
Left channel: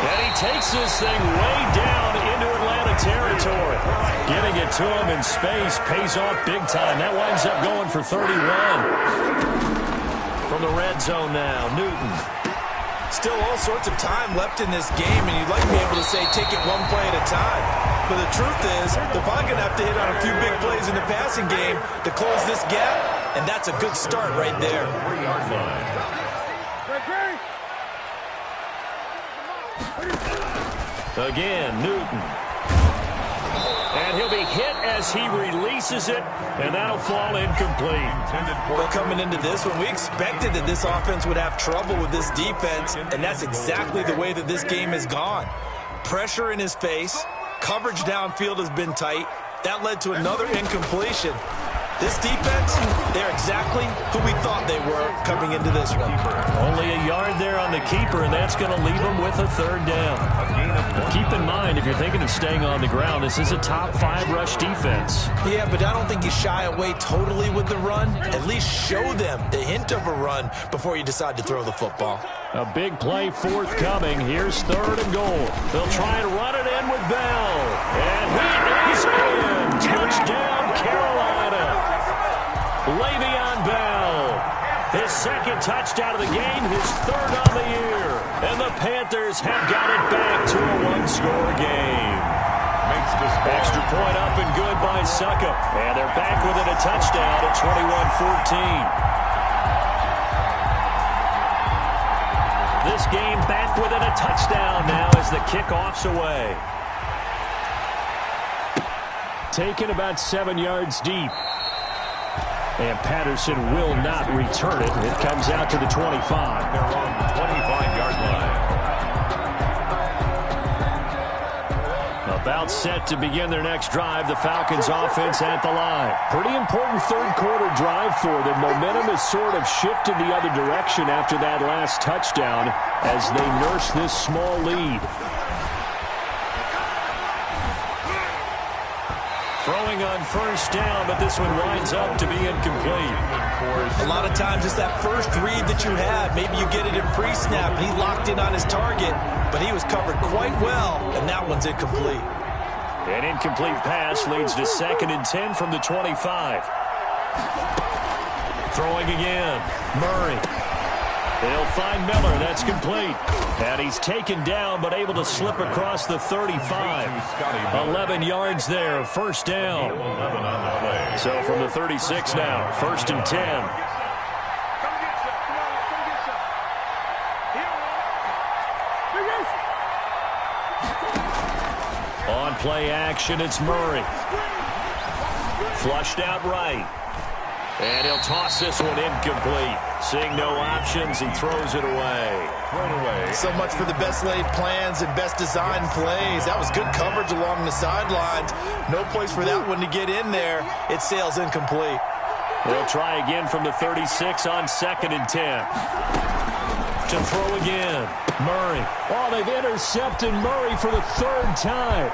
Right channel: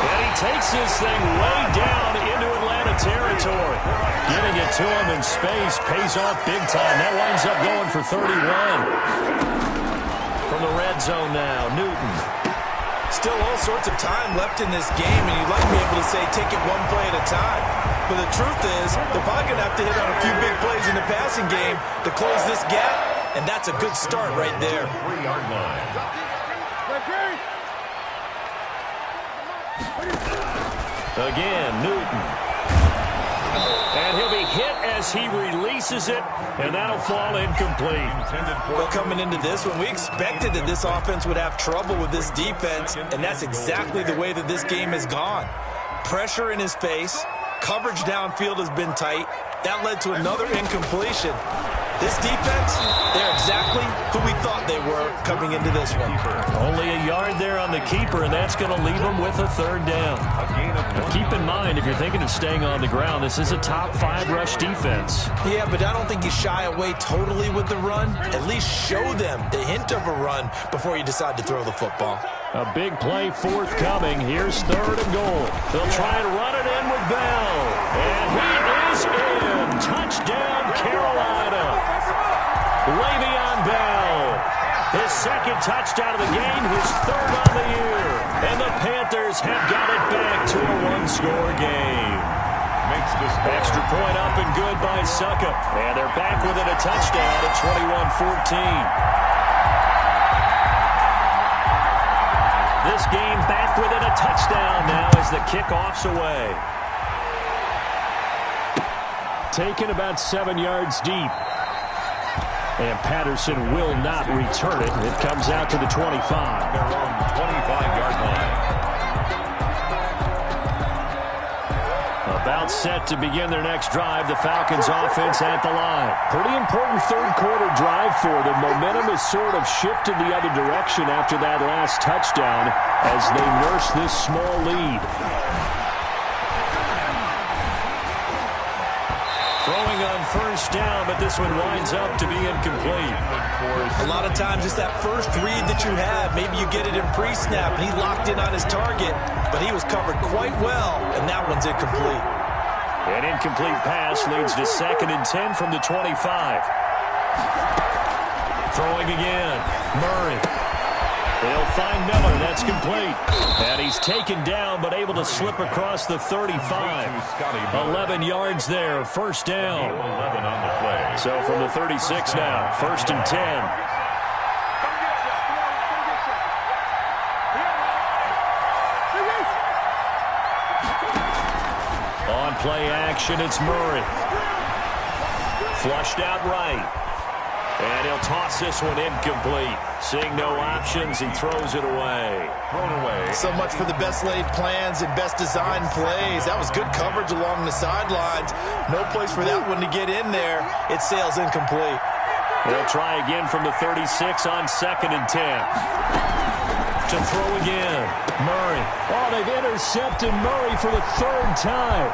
And he takes this thing way down into Atlanta territory. Getting it to him in space pays off big time. That winds up going for 31. From the red zone now, Newton. Still all sorts of time left in this game, and you'd like to be able to say take it one play at a time. But the truth is, they're probably going to have to hit on a few big plays in the passing game to close this gap, and that's a good start right there. 3-yard line. Again, Newton. And he'll be hit as he releases it, and that'll fall incomplete. Well, coming into this one, we expected that this offense would have trouble with this defense, and that's exactly the way that this game has gone. Pressure in his face, coverage downfield has been tight. That led to another incompletion. This defense, they're exactly who we thought they were coming into this one. Only a yard there on the keeper, and that's going to leave them with a third down. Keep in mind, if you're thinking of staying on the ground, this is a top 5 rush defense. Yeah, but I don't think you shy away totally with the run. At least show them the hint of a run before you decide to throw the football. A big play forthcoming. Here's 3rd and goal. They'll try and run it in with Bell. And he is in. Touchdown, Carolina. Le'Veon Bell. His 2nd touchdown of the game, his 3rd on the year. And the Panthers have got it back to a 1-score game. Makes the score. Extra point up and good by Succop. And they're back within a touchdown at 21-14. This game back within a touchdown now as the kickoff's away. Taken about 7 yards deep. And Patterson will not return it. It comes out to the 25. Their own 25-yard line. About set to begin their next drive. The Falcons offense at the line. Pretty important 3rd quarter drive for them. Momentum has sort of shifted the other direction after that last touchdown as they nurse this small lead. Throwing on first down, but this one winds up to be incomplete. A lot of times it's that first read that you have. Maybe you get it in pre-snap, and he locked in on his target, but he was covered quite well, and that one's incomplete. An incomplete pass leads to 2nd and 10 from the 25. Throwing again. Murray. They'll find Miller. That's complete. And he's taken down, but able to slip across the 35. 11 yards there. First down. 11 on the play. So from the 36 now. 1st and 10. On play action, it's Murray. Flushed out right. And he'll toss this one incomplete. Seeing no options, he throws it away. Thrown away. So much for the best laid plans and best designed plays. That was good coverage along the sidelines. No place for that one to get in there. It sails incomplete. They'll try again from the 36 on 2nd and 10. To throw again. Murray. Oh, they've intercepted Murray for the 3rd time.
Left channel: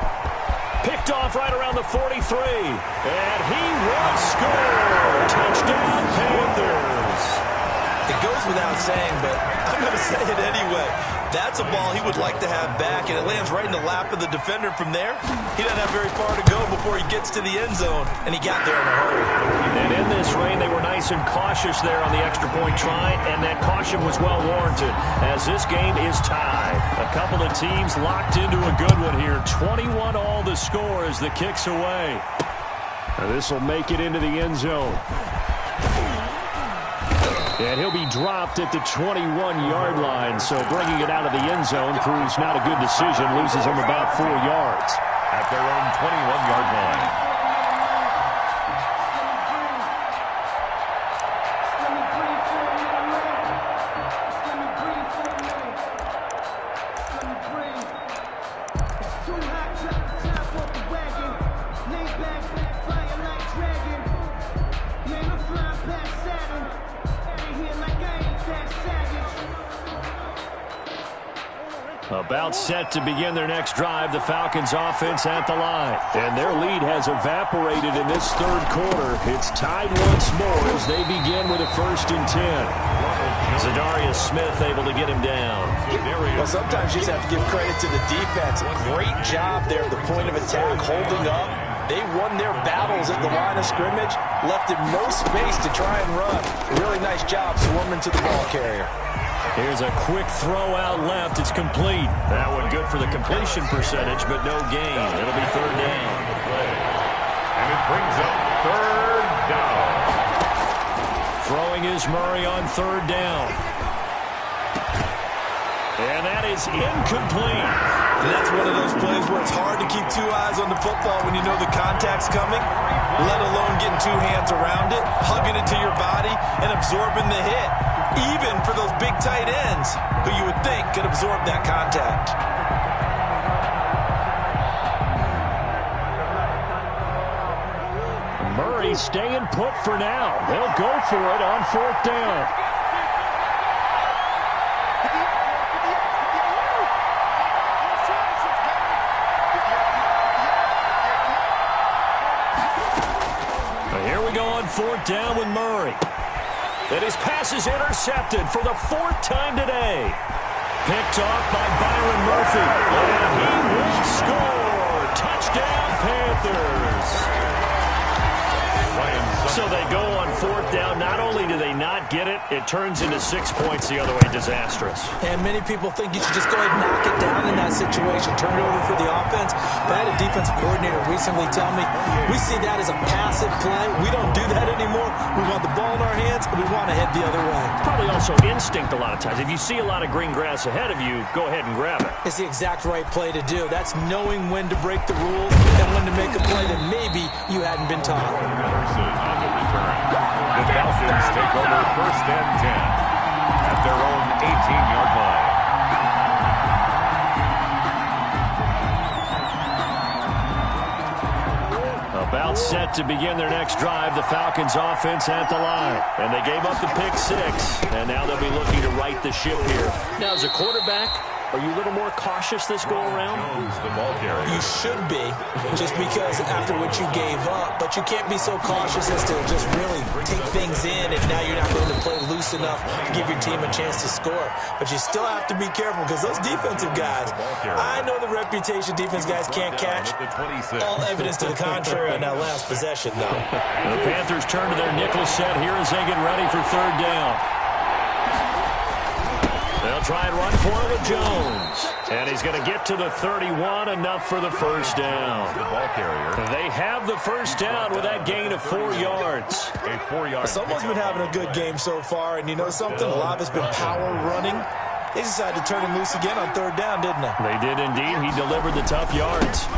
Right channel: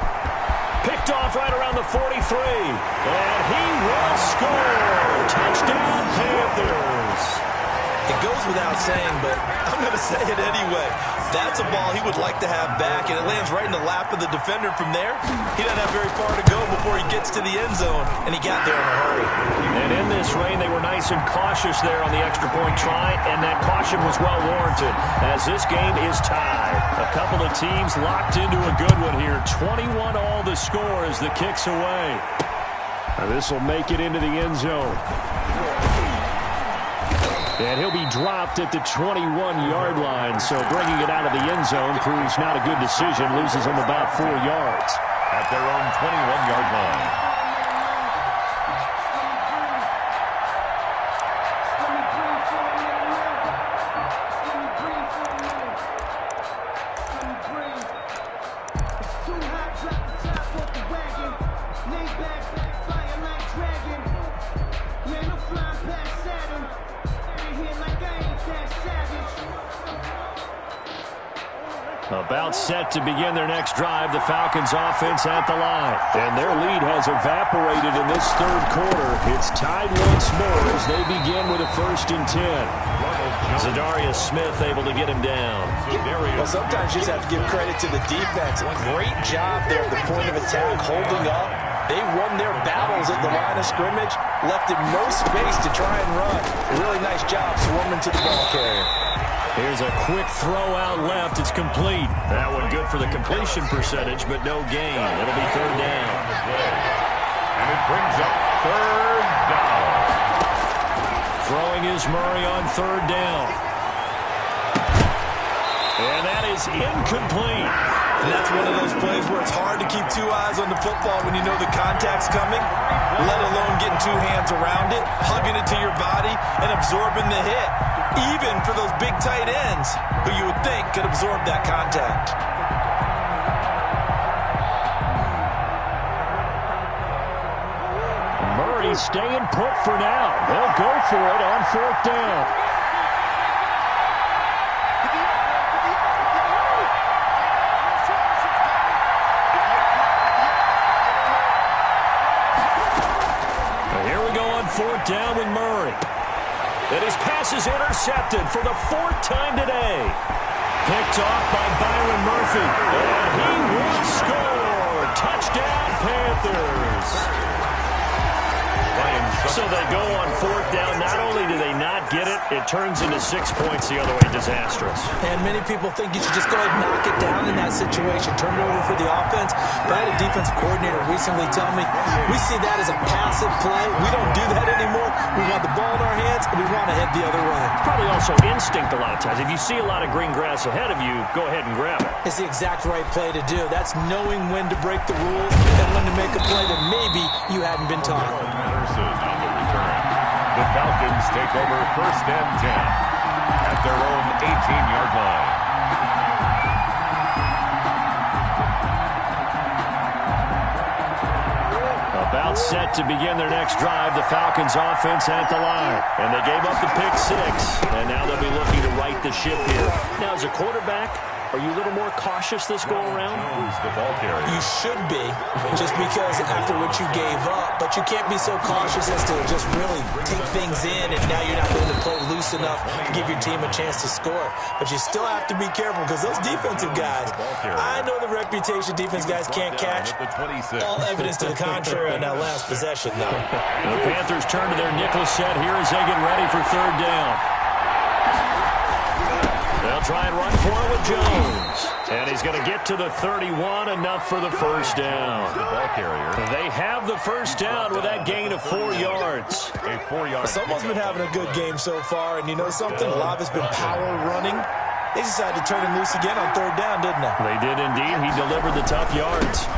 Picked off right around the 43. And he will score. Touchdown, Panthers. It goes without saying, but I'm going to say it anyway. That's a ball he would like to have back, and it lands right in the lap of the defender from there. He doesn't have very far to go before he gets to the end zone, and he got there in a hurry. And in this rain, they were nice and cautious there on the extra point try, and that caution was well warranted as this game is tied. A couple of teams locked into a good one here. 21 all the score as the kick's away. And this will make it into the end zone. And he'll be dropped at the 21-yard line, so bringing it out of the end zone proves not a good decision. Loses him about 4 yards. At their own 21-yard line. About set to begin their next drive, the Falcons offense at the line. And their lead has evaporated in this 3rd quarter. It's tied once more as they begin with a 1st and 10. Zadarius Smith able to get him down. Well, sometimes you just have to give credit to the defense. Great job there at the point of attack, holding up. They won their battles at the line of scrimmage, left him no space to try and run. Really nice job swarming to the ball carrier. Here's a quick throw out left. It's complete. That one good for the completion percentage, but no gain. It'll be 3rd down. And it brings up 3rd down. Throwing is Murray on 3rd down. And that is incomplete. And that's one of those plays where it's hard to keep 2 eyes on the football when you know the contact's coming, let alone getting 2 hands around it, hugging it to your body, and absorbing the hit. Even for those big tight ends who you would think could absorb that contact. Murray staying put for now. They'll go for it on 4th down. Here we go on 4th down with Murray. And his pass is intercepted for the 4th time today. Picked off by Byron Murphy. And he will score. Touchdown, Panthers. So they go on 4th down. Not only do they not get it, it turns into 6 points the other way. Disastrous. And many people think you should just go ahead and knock it down in that situation. Turn it over for the offense. But I had a defensive coordinator recently tell me, we see that as a passive play. We don't do that anymore. We want the ball in our hands, and we want to head the other way. Probably also instinct a lot of times. If you see a lot of green grass ahead of you, go ahead and grab it. It's the exact right play to do. That's knowing when to break the rules and when to make a play that maybe you hadn't been taught. On the return. The Falcons take over 1st and 10 at their own 18-yard line. About set to begin their next drive, the Falcons offense at the line. And they gave up the pick 6, and now they'll be looking to right the ship here. Now, as a quarterback, are you a little more cautious this go-around? The ball carrier. You should be, just because after what you gave up, but you can't be so cautious as to just really take things in, and now you're not going to play loose enough to give your team a chance to score. But you still have to be careful because those defensive guys, I know the reputation defense guys can't catch. All evidence to the contrary on that last possession, though. The Panthers turn to their nickel set here as they get ready for 3rd down. They'll try and run for it with Jones. And he's going to get to the 31, enough for the 1st down. The ball carrier. They have the 1st down with that gain of 4 yards. A 4-yard. Someone's been having a good game so far, and you know something? A lot of it's been power running. They decided to turn him loose again on 3rd down, didn't they? They did indeed. He delivered the tough yards.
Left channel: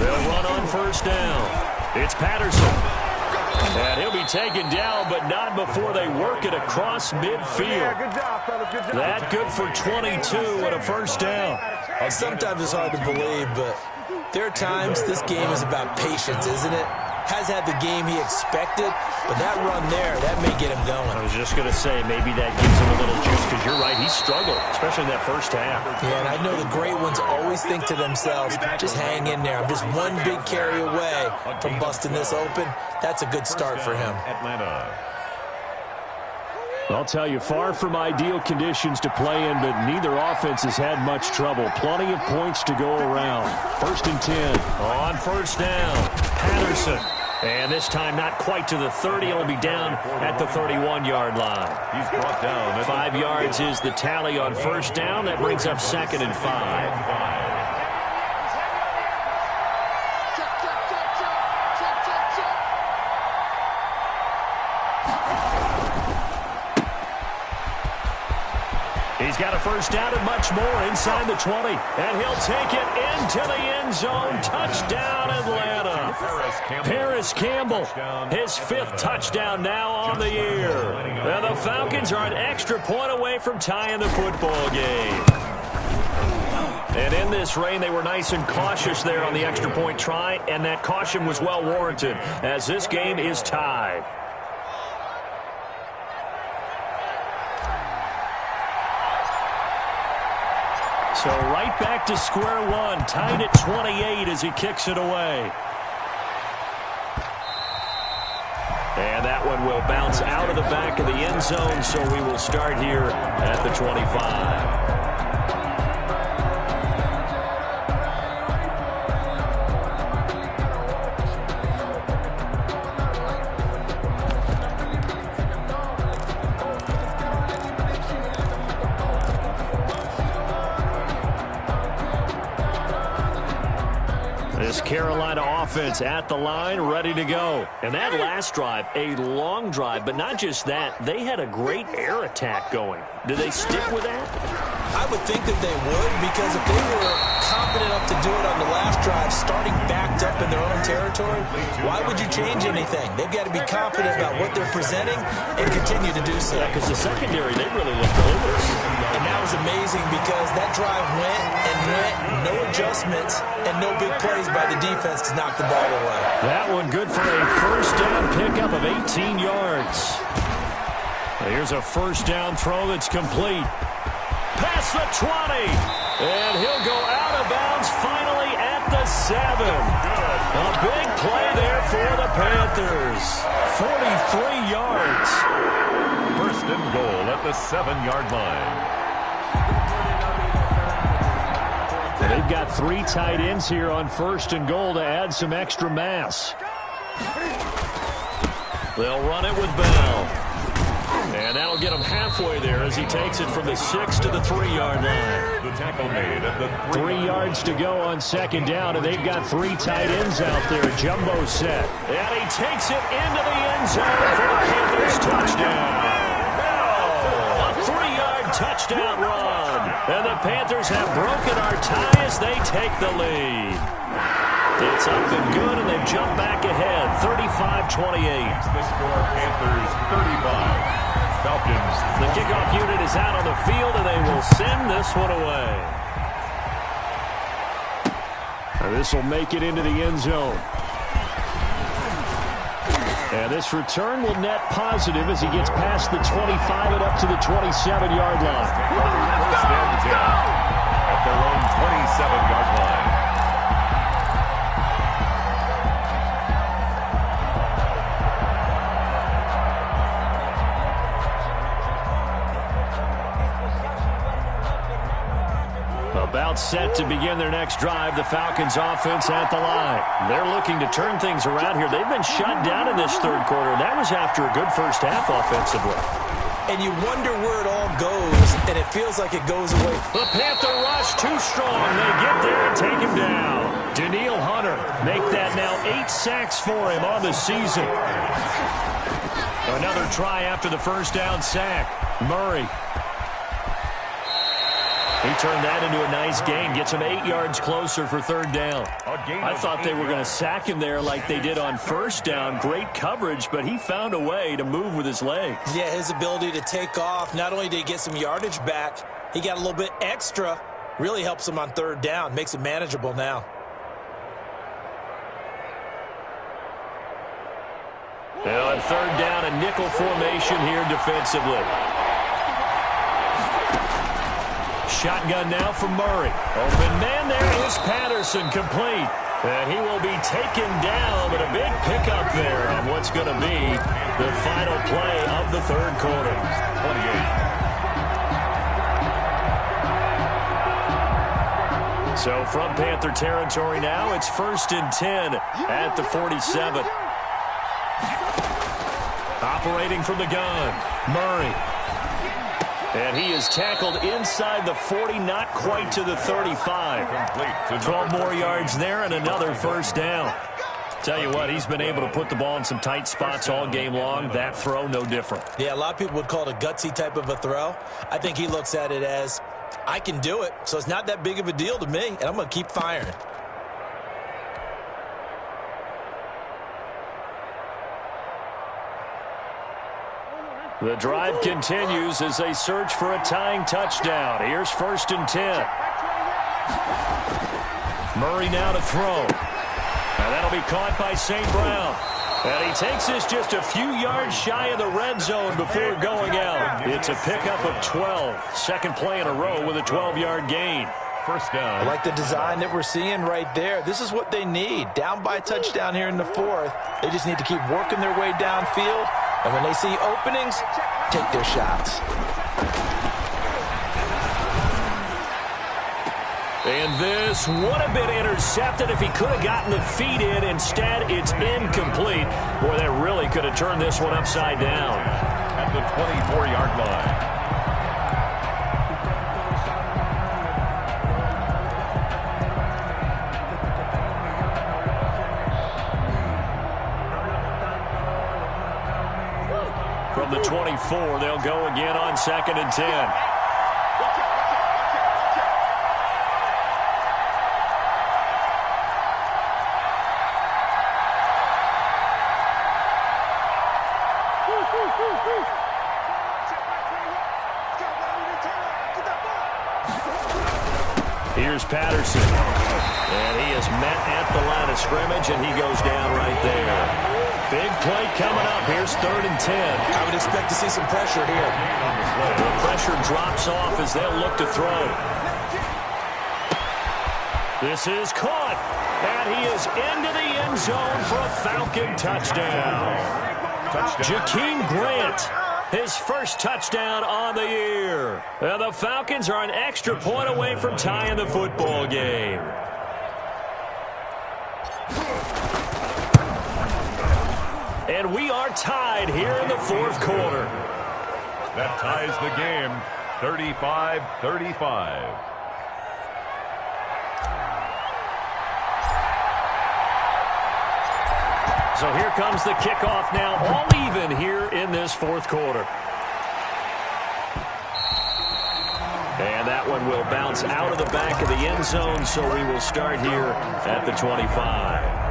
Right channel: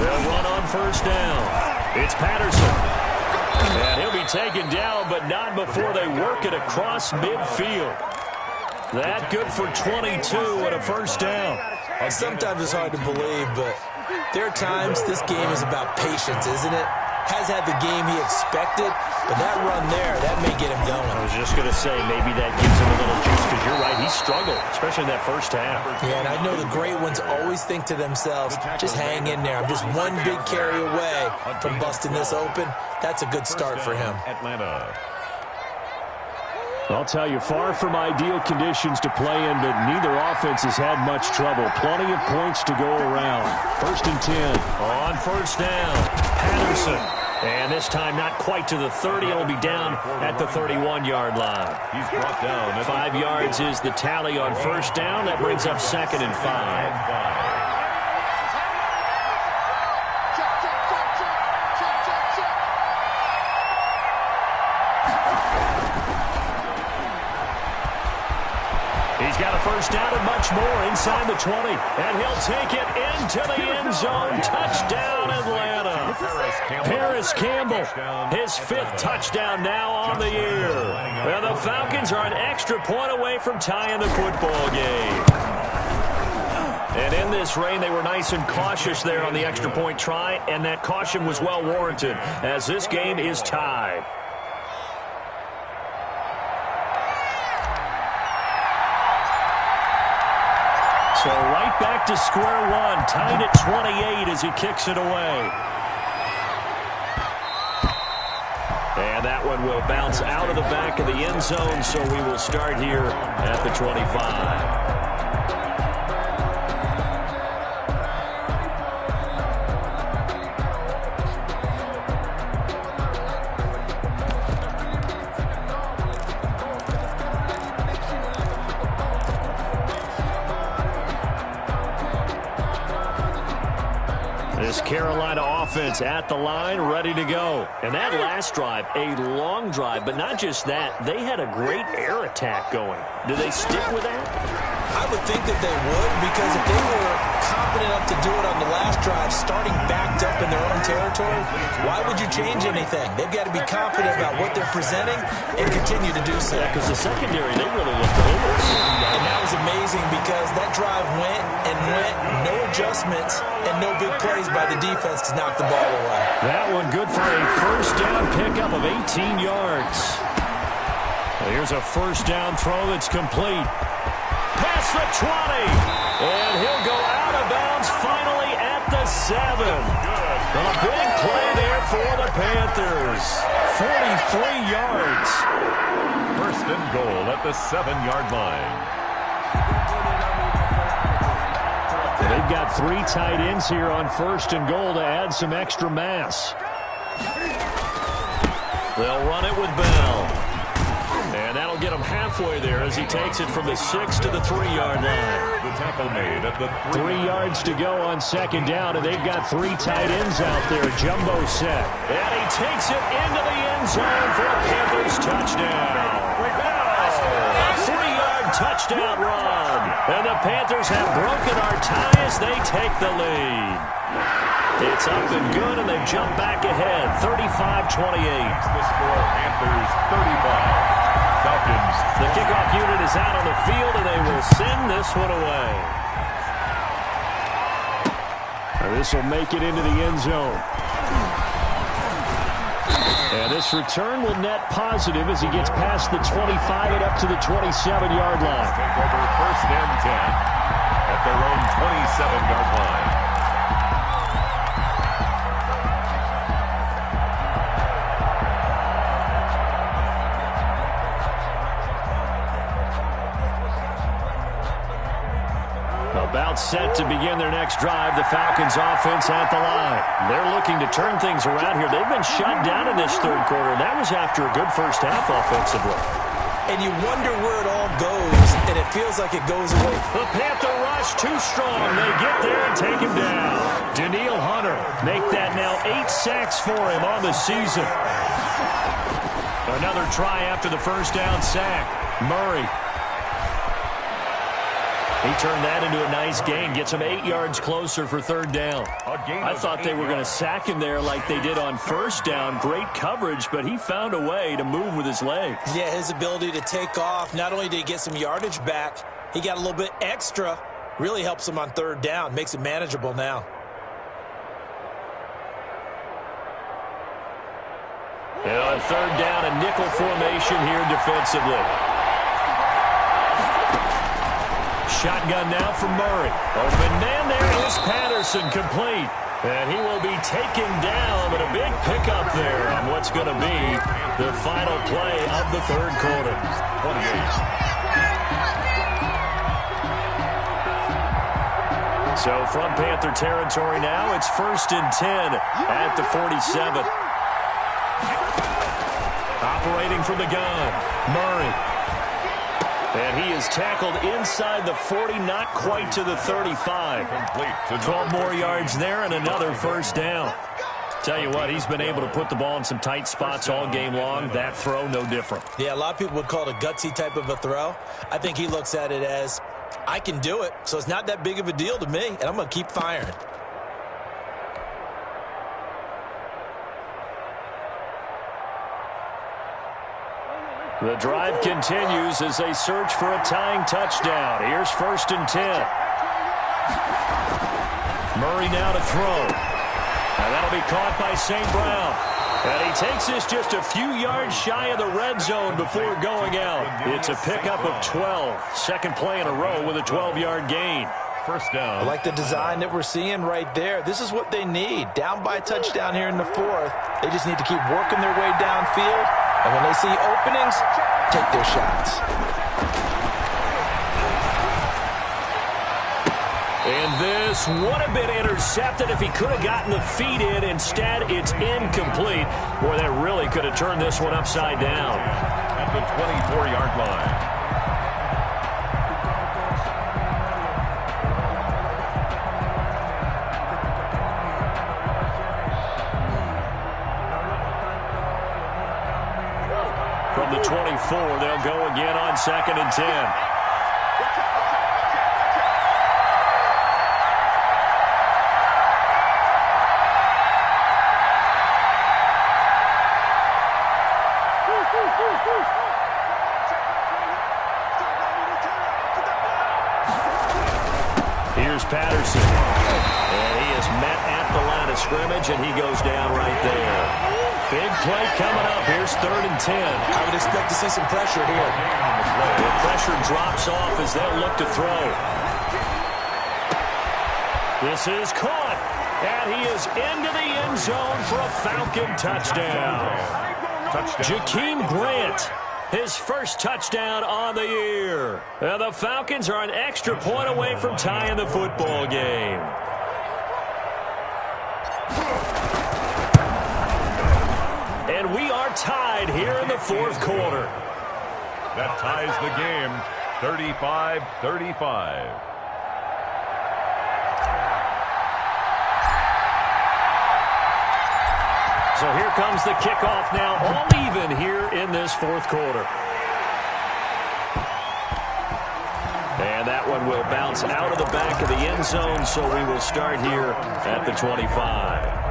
They'll run on 1st down. It's Patterson. And he'll be taken down, but not before they work it across midfield. That good for 22 and a first down. Sometimes it's hard to believe, but there are times this game is about patience, isn't it? Has had the game he expected, but that run there, that may get him going. I was just going to say, maybe that gives him a little juice, because you're right, he struggled, especially in that first half. Yeah, and I know the great ones always think to themselves, just hang in there. I'm just one big carry away from busting this open. That's a good start for him. Atlanta. I'll tell you, far from ideal conditions to play in, but neither offense has had much trouble. Plenty of points to go around. 1st and 10 on first down. Patterson. And this time not quite to the 30. It'll be down at the 31-yard line. He's brought down. 5 yards is the tally on first down. That brings up 2nd and 5. He's got a first down and much more inside the 20. And he'll take it into the end zone. Touchdown, Atlanta. Paris Campbell, his 5th touchdown now on the year. And the Falcons are an extra point away from tying the football game. And in this rain, they were nice and cautious there on the extra point try, and that caution was well warranted as this game is tied. So right back to square one, tied at 28 as he kicks it away. And that one will bounce out of the back of the end zone, so we will start here at the 25. This Carolina offense at the line, ready to go. And that last drive, a long drive, but not just that, they had a great air attack going. Do they stick with that? I would think that they would, because if they were confident enough to do it on the last drive, starting backed up in their own territory, why would you change anything? They've got to be confident about what they're presenting and continue to do so. Yeah, because the secondary, they really looked over. And that was amazing because that drive went and went, no adjustments, and no big plays by the defense to knock the ball away. That one good for a first down pickup of 18 yards. Here's a first down throw that's complete. Past the 20. And he'll go out of bounds finally at the 7. A big play there for the Panthers. 43 yards. 1st and goal at the 7-yard line. They've got 3 tight ends here on 1st and goal to add some extra mass. They'll run it with Bell. And that'll get him halfway there as he takes it from the 6 to the 3-yard line. The tackle made at the 3 yards to go on 2nd down, and they've got 3 tight ends out there. Jumbo set. And he takes it into the end zone for a Panthers touchdown. A 3-yard touchdown run. And the Panthers have broken our tie as they take the lead. It's up and good, and they've jumped back ahead, 35-28. The score, Panthers 35. Falcons. The kickoff unit is out on the field, and they will send this one away. And this will make it into the end zone. And this return will net positive as he gets past the 25 and up to the 27-yard line. Take over 1st and 10 at their own 27-yard line. About set to begin their next drive, the Falcons offense at the line. They're looking to turn things around here. They've been shut down in this 3rd quarter, and that was after a good first half offensively. And you wonder where it all goes, and it feels like it goes away. The Panther rush too strong. They get there and take him down. Danielle Hunter make that now 8 sacks for him on the season. Another try after the first down sack. Murray. He turned that into a nice gain, gets him 8 yards closer for third down. I thought they were going to sack him there like they did on first down. Great coverage, but he found a way to move with his legs. Yeah, his ability to take off, not only did he get some yardage back, he got a little bit extra. Really helps him on third down, makes it manageable now. Now on third down, a nickel formation here defensively. Shotgun now from Murray. Open man, there is Patterson, complete. And he will be taken down, but a big pickup there on what's going to be the final play of the third quarter. 28. So from Panther territory now, it's 1st and 10 at the 47. Operating from the gun, Murray. And he is tackled inside the 40, not quite to the 35. 12 more yards there and another first down. Tell you what, he's been able to put the ball in some tight spots all game long. That throw, no different. Yeah, a lot of people would call it a gutsy type of a throw. I think he looks at it as, I can do it, so it's not that big of a deal to me, and I'm going to keep firing. The drive continues as they search for a tying touchdown. Here's 1st and 10. Murray now to throw. And that'll be caught by St. Brown. And he takes this just a few yards shy of the red zone before going out. It's a pickup of 12. Second play in a row with a 12-yard gain. First down. I like the design that we're seeing right there. This is what they need. Down by a touchdown here in the fourth. They just need to keep working their way downfield. And when they see openings, take their shots. And this would have been intercepted if he could have gotten the feet in. Instead, it's incomplete. Boy, that really could have turned this one upside down. At the 24-yard line. From the 24, they'll go again on 2nd and 10. Here's Patterson. And he is met at the line of scrimmage, and he goes down right there. Big play coming up. Here's 3rd and 10. I would expect to see some pressure here. The pressure drops off as they'll look to throw. This is caught. And he is into the end zone for a Falcon touchdown. Jakeem Grant, his first touchdown on the year. And the Falcons are an extra point away from tying the football game. And we are tied here in the fourth quarter. That ties the game, 35-35. So here comes the kickoff now, all even here in this fourth quarter. And that one will bounce out of the back of the end zone, so we will start here at the 25.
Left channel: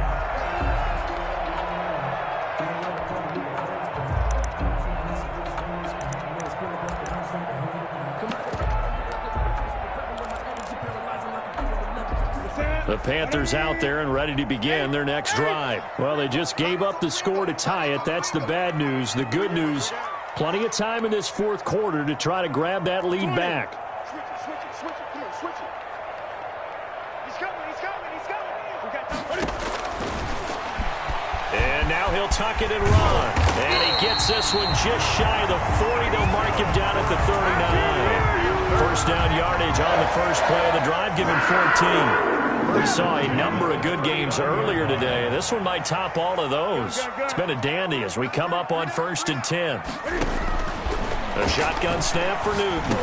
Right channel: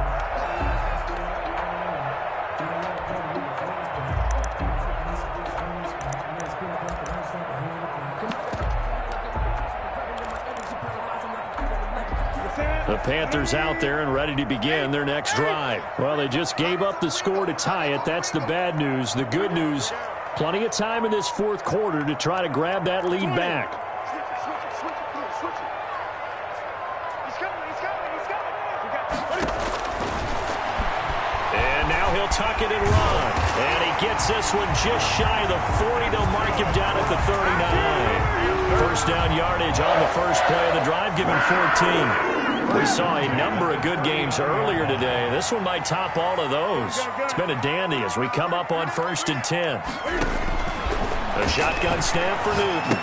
The Panthers out there and ready to begin their next drive. Well, they just gave up the score to tie it. That's the bad news. The good news, plenty of time in this fourth quarter to try to grab that lead back. Switch it, please, switch it. He's coming. And now he'll tuck it and run. And he gets this one just shy of the 40. They'll mark him down at the 39. First down yardage on the first play of the drive, given 14. We saw a number of good games earlier today. This one might top all of those. It's been a dandy as we come up on 1st and 10. A shotgun snap for Newton.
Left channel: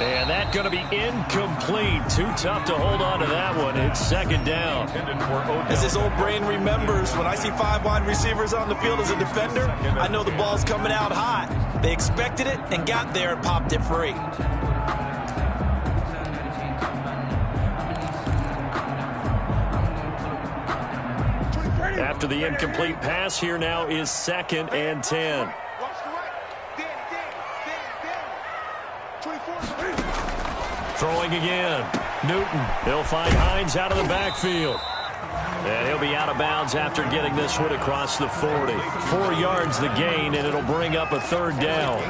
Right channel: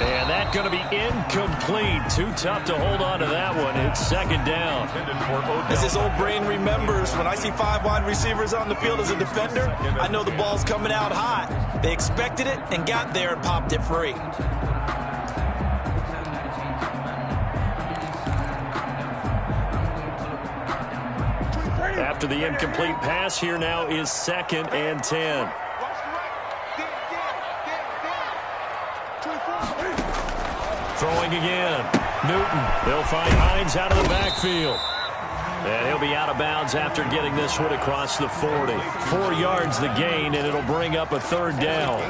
And that's going to be incomplete. Too tough to hold on to that one. It's 2nd down. As his old brain remembers, when I see 5 wide receivers on the field as a defender, I know the ball's coming out hot. They expected it and got there and popped it free. After the incomplete pass, here now is 2nd and 10. Watch the right. Dan. 24. Throwing again. Newton. They'll find Hines out of the backfield. And he'll be out of bounds after getting this one across the 40. 4 yards the gain, and it'll bring up a 3rd down.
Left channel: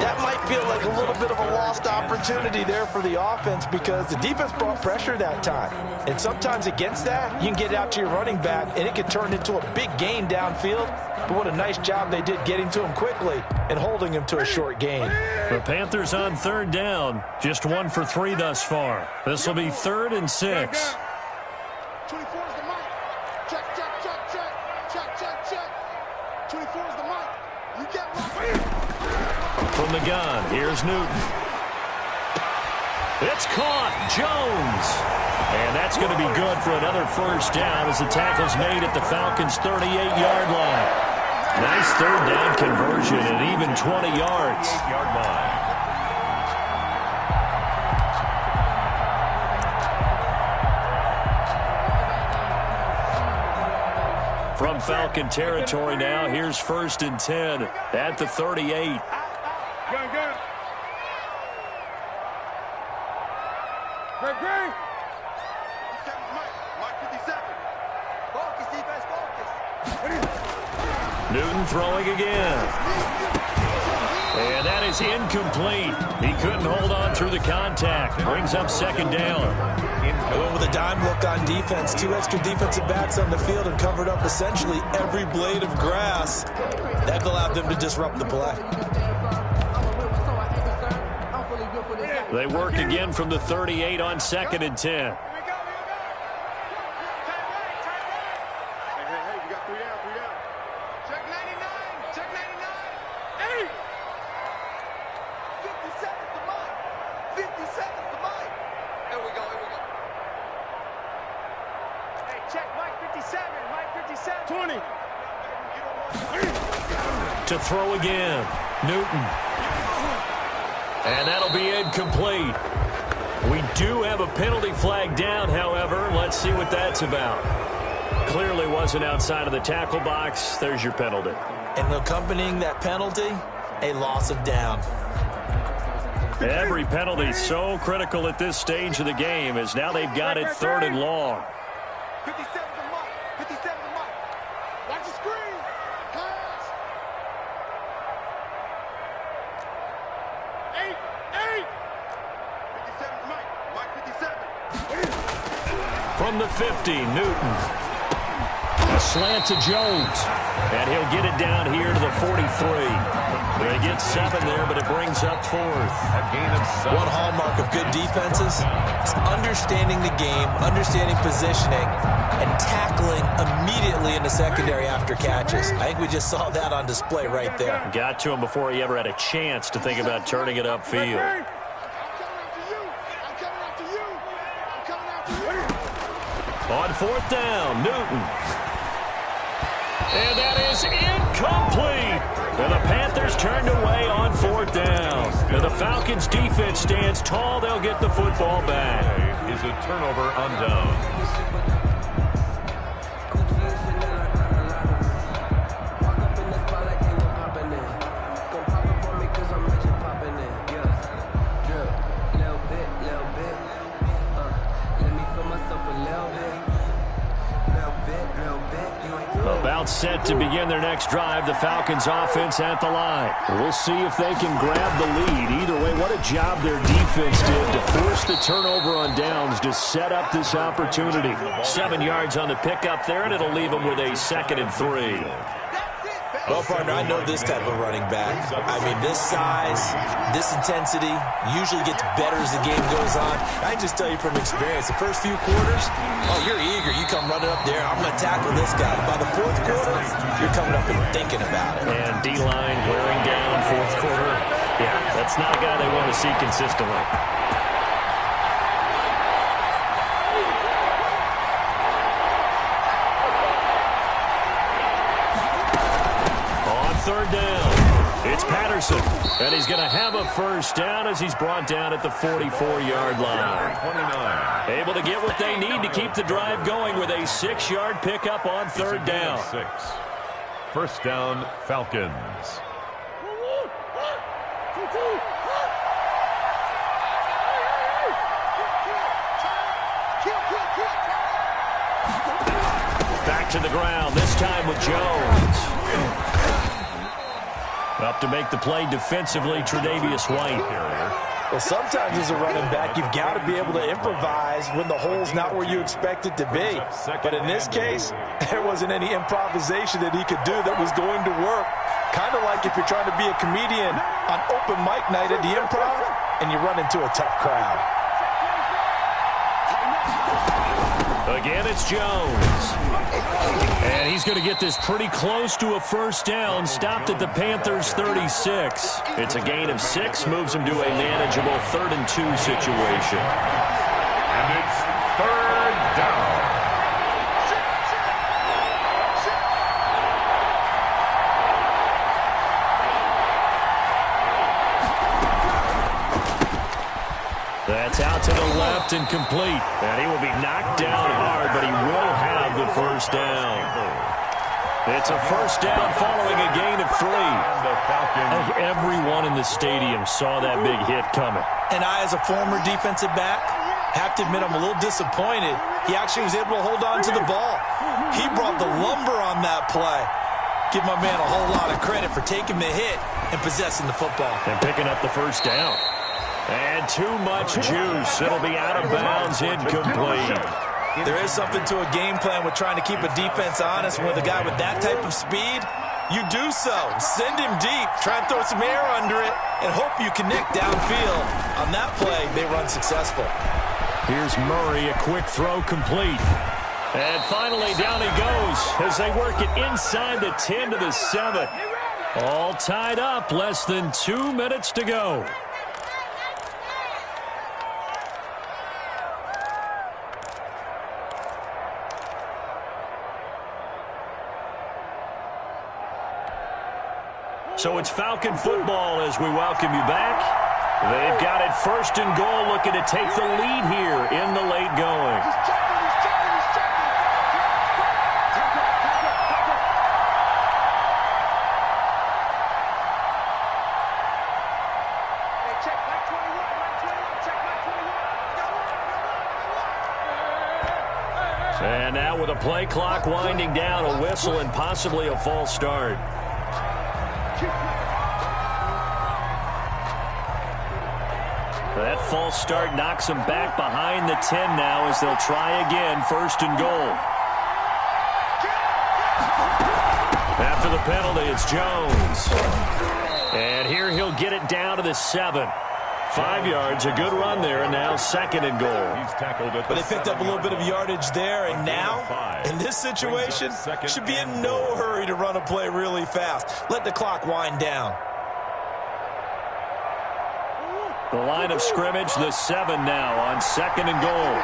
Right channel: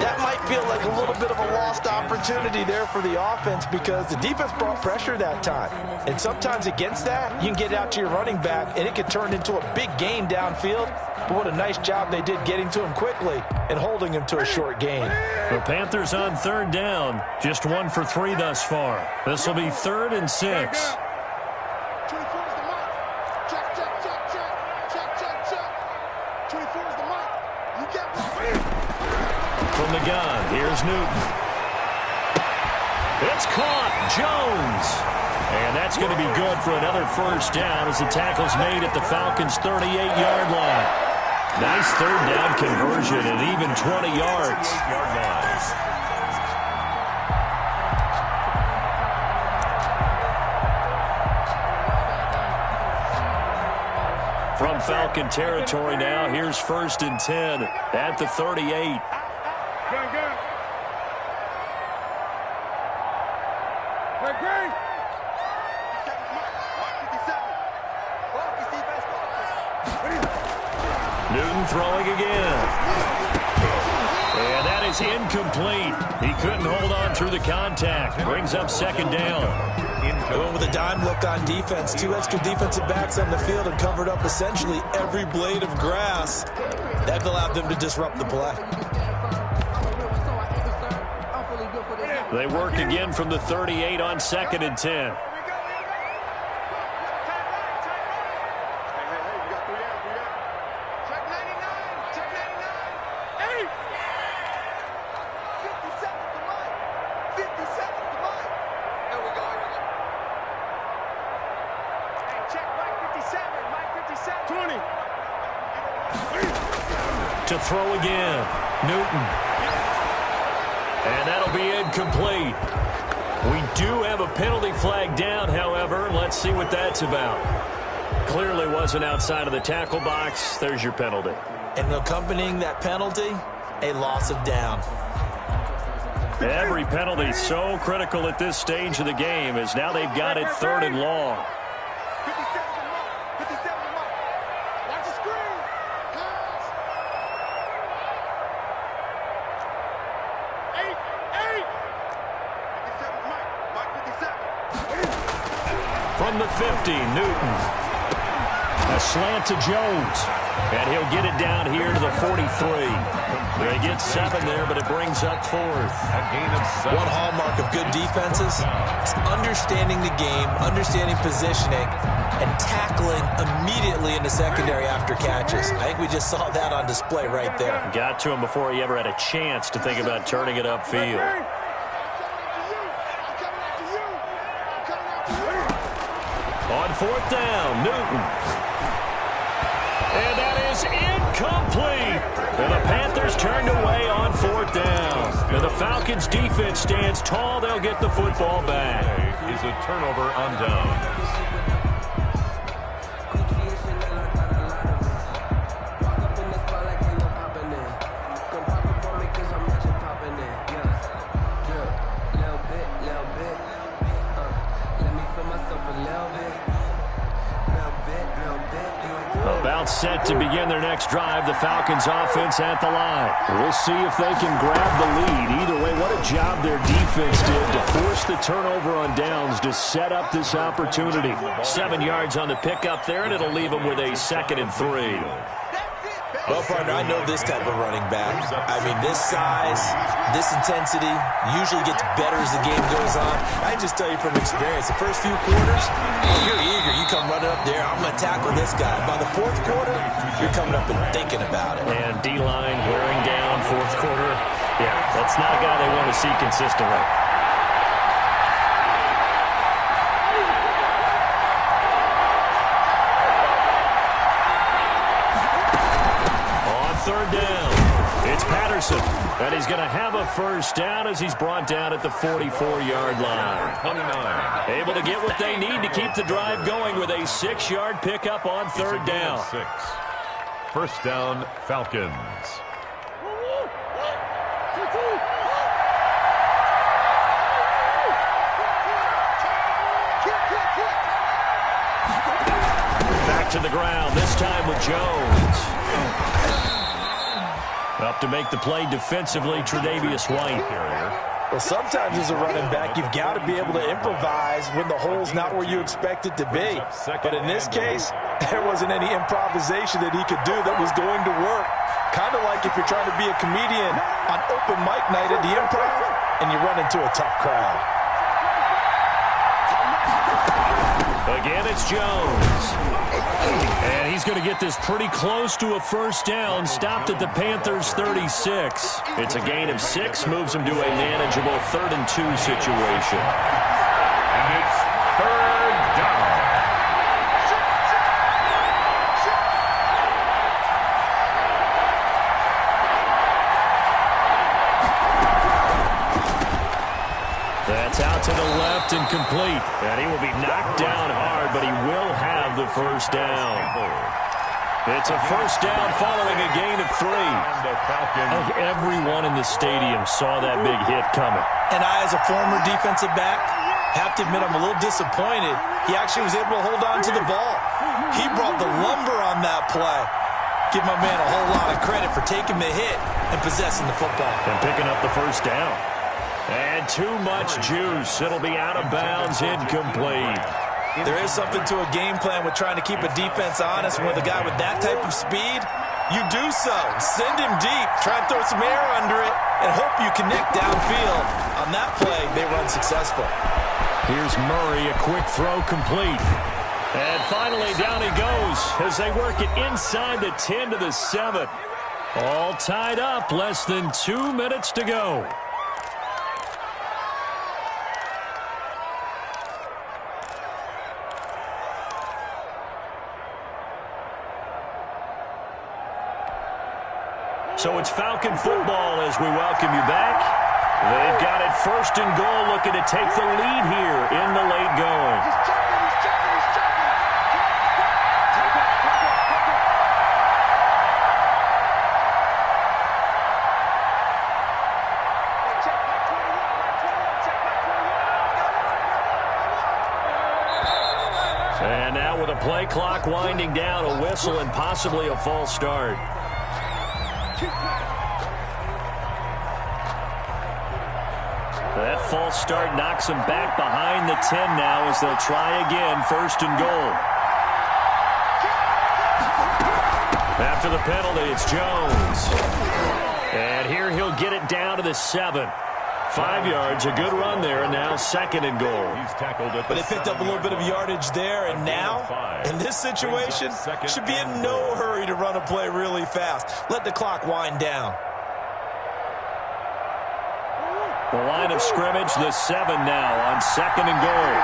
That might feel like a little bit of a lost opportunity there for the offense because the defense brought pressure that time. And sometimes against that, you can get it out to your running back, and it can turn into a big gain downfield. But what a nice job they did getting to him quickly and holding him to a short gain. The Panthers on 3rd down. Just 1 for 3 thus far. This will be 3rd and 6. 24 is the mic. Check, check, check, check. Check, check, check. 24 is the mic. You get one. From the gun, here's Newton. It's caught. Jones. And that's going to be good for another 1st down as the tackle's made at the Falcons' 38-yard line. Nice 3rd down conversion and even 20 yards. 8-yard line. From Falcon territory now, here's 1st and 10 at the 38. Gun, gun. Great, great. 57's Mike 57. Focus, defense, focus. Newton throwing again. And that is incomplete. He couldn't hold on through the contact. Brings up 2nd down. They went with a dime look on defense. 2 extra defensive backs on the field and covered up essentially every blade of grass. That allowed them to disrupt the play. They work again from the 38 on 2nd and 10. Here we go. Tight right, tight right. Hey, we got 3 down, 3 down. Check 99, check 99. 8. 57's the mic. 57's the mic. Here we go. Hey, check Mike 57, Mike 57. 20. To throw again. Newton. And that'll be incomplete. We do have a penalty flag down, however. Let's see what that's about. Clearly wasn't outside of the tackle box. There's your penalty. And accompanying that penalty, a loss of down. Every penalty so critical at this stage of the game as now they've got it 3rd and long. 57's the mic. 57's the mic. Watch the screen. Pass. 8. 57's Mike. Mike 57. From the 50, Newton. A slant to Jones. And he'll get it down here to the 43. They get 7 there, but it brings up 4th. A gain of 7. One hallmark of good defenses is understanding the game, understanding positioning, and tackling immediately in the secondary after catches. I think we just saw that on display right there. Got to him before he ever had a chance to think about turning it upfield. On 4th down, Newton. And that is incomplete. And the Panthers turned away on 4th down. And the Falcons defense stands tall. They'll get the football back. Is a turnover on downs. About set to begin their next drive, the Falcons offense at the line. We'll see if they can grab the lead. Either way, what a job their defense did to force the turnover on downs to set up this opportunity. 7 yards on the pickup there, and it'll leave them with a 2nd and 3. Well, partner, I know this type of running back. I mean, this size, this intensity usually gets better as the game goes on. I can just tell you from experience, the first few quarters, oh, you're eager. You come running up there, I'm going to tackle this guy. By the 4th quarter, you're coming up and thinking about it. And D-line wearing down 4th quarter. Yeah, that's not a guy they want to see consistently. On 3rd down. It's Patterson, and he's going to have a first down as he's brought down at the 44-yard line. 29. Able to get what they need to keep the drive going with a 6-yard pickup on third down. 6. First down, Falcons. Back to the ground, this time with Jones. Up to make the play defensively, Tre'Davious White. Well, sometimes as a running back, you've got to be able to improvise when the hole's not where you expect it to be. But in this case, there wasn't any improvisation that he could do that was going to work. Kind of like if you're trying to be a comedian on open mic night at the Improv and you run into a tough crowd. Again, it's Jones. And he's going to get this pretty close to a first down, stopped at the Panthers' 36. It's a gain of 6, moves him to a manageable 3rd and 2 situation. And it's third down. That's out to the left and complete. And he will be knocked down hard, but he will have the first down. It's a first down following a gain of 3. I think everyone in the stadium saw that big hit coming. And I, as a former defensive back, have to admit I'm a little disappointed. He actually was able to hold on to the ball. He brought the lumber on that play. Give my man a whole lot of credit for taking the hit and possessing the football. And picking up the first down. And too much juice. It'll be out of bounds, incomplete. There is something to a game plan with trying to keep a defense honest. With a guy with that type of speed, you do so. Send him deep, try and throw some air under it, and hope you connect downfield. On that play, they run successful. Here's Murray, a quick throw complete. And finally, down he goes as they work it inside the 10 to the 7. All tied up, less than 2 minutes to go. So it's Falcon football as we welcome you back. They've got it 1st and goal, looking to take the lead here in the late going. And now with a play clock winding down, a whistle and possibly a false start. That false start knocks them back behind the 10 now as they'll try again, 1st and goal. After the penalty, it's Jones. And here he'll get it down to the 7. 5 yards, a good run there, and now 2nd and goal. He's tackled at the But they picked up a little bit of yardage there, and now, in this situation, should be in no hurry to run a play really fast. Let the clock wind down. The line of scrimmage, the 7 now on 2nd and goal.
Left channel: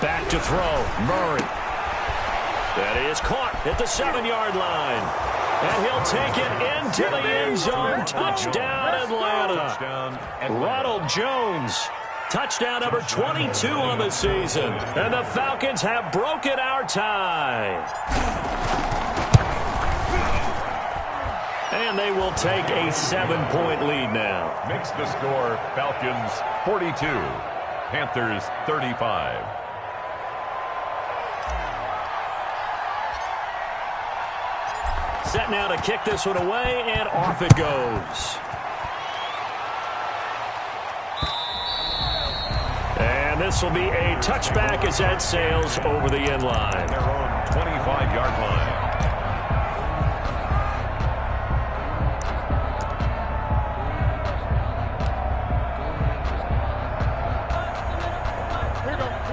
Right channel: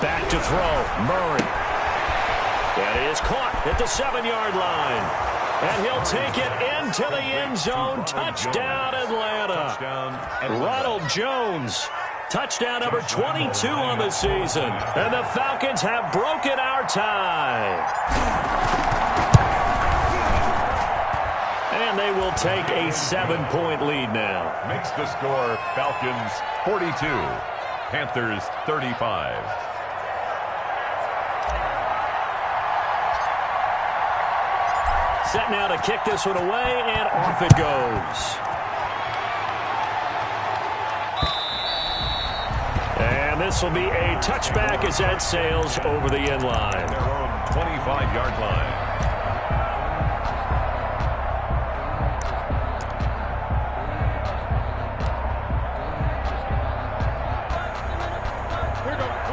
Back to throw, Murray. That is caught at the 7-yard line. And he'll take it into the end zone. Touchdown, Atlanta. Ronald Jones. Touchdown number 22 on the season. And the Falcons have broken our tie. And they will take a 7-point lead now. Makes the score Falcons 42, Panthers 35. Set now to kick this one away, and off it goes. And this will be a touchback as that sails over the end line. Their own 25-yard line.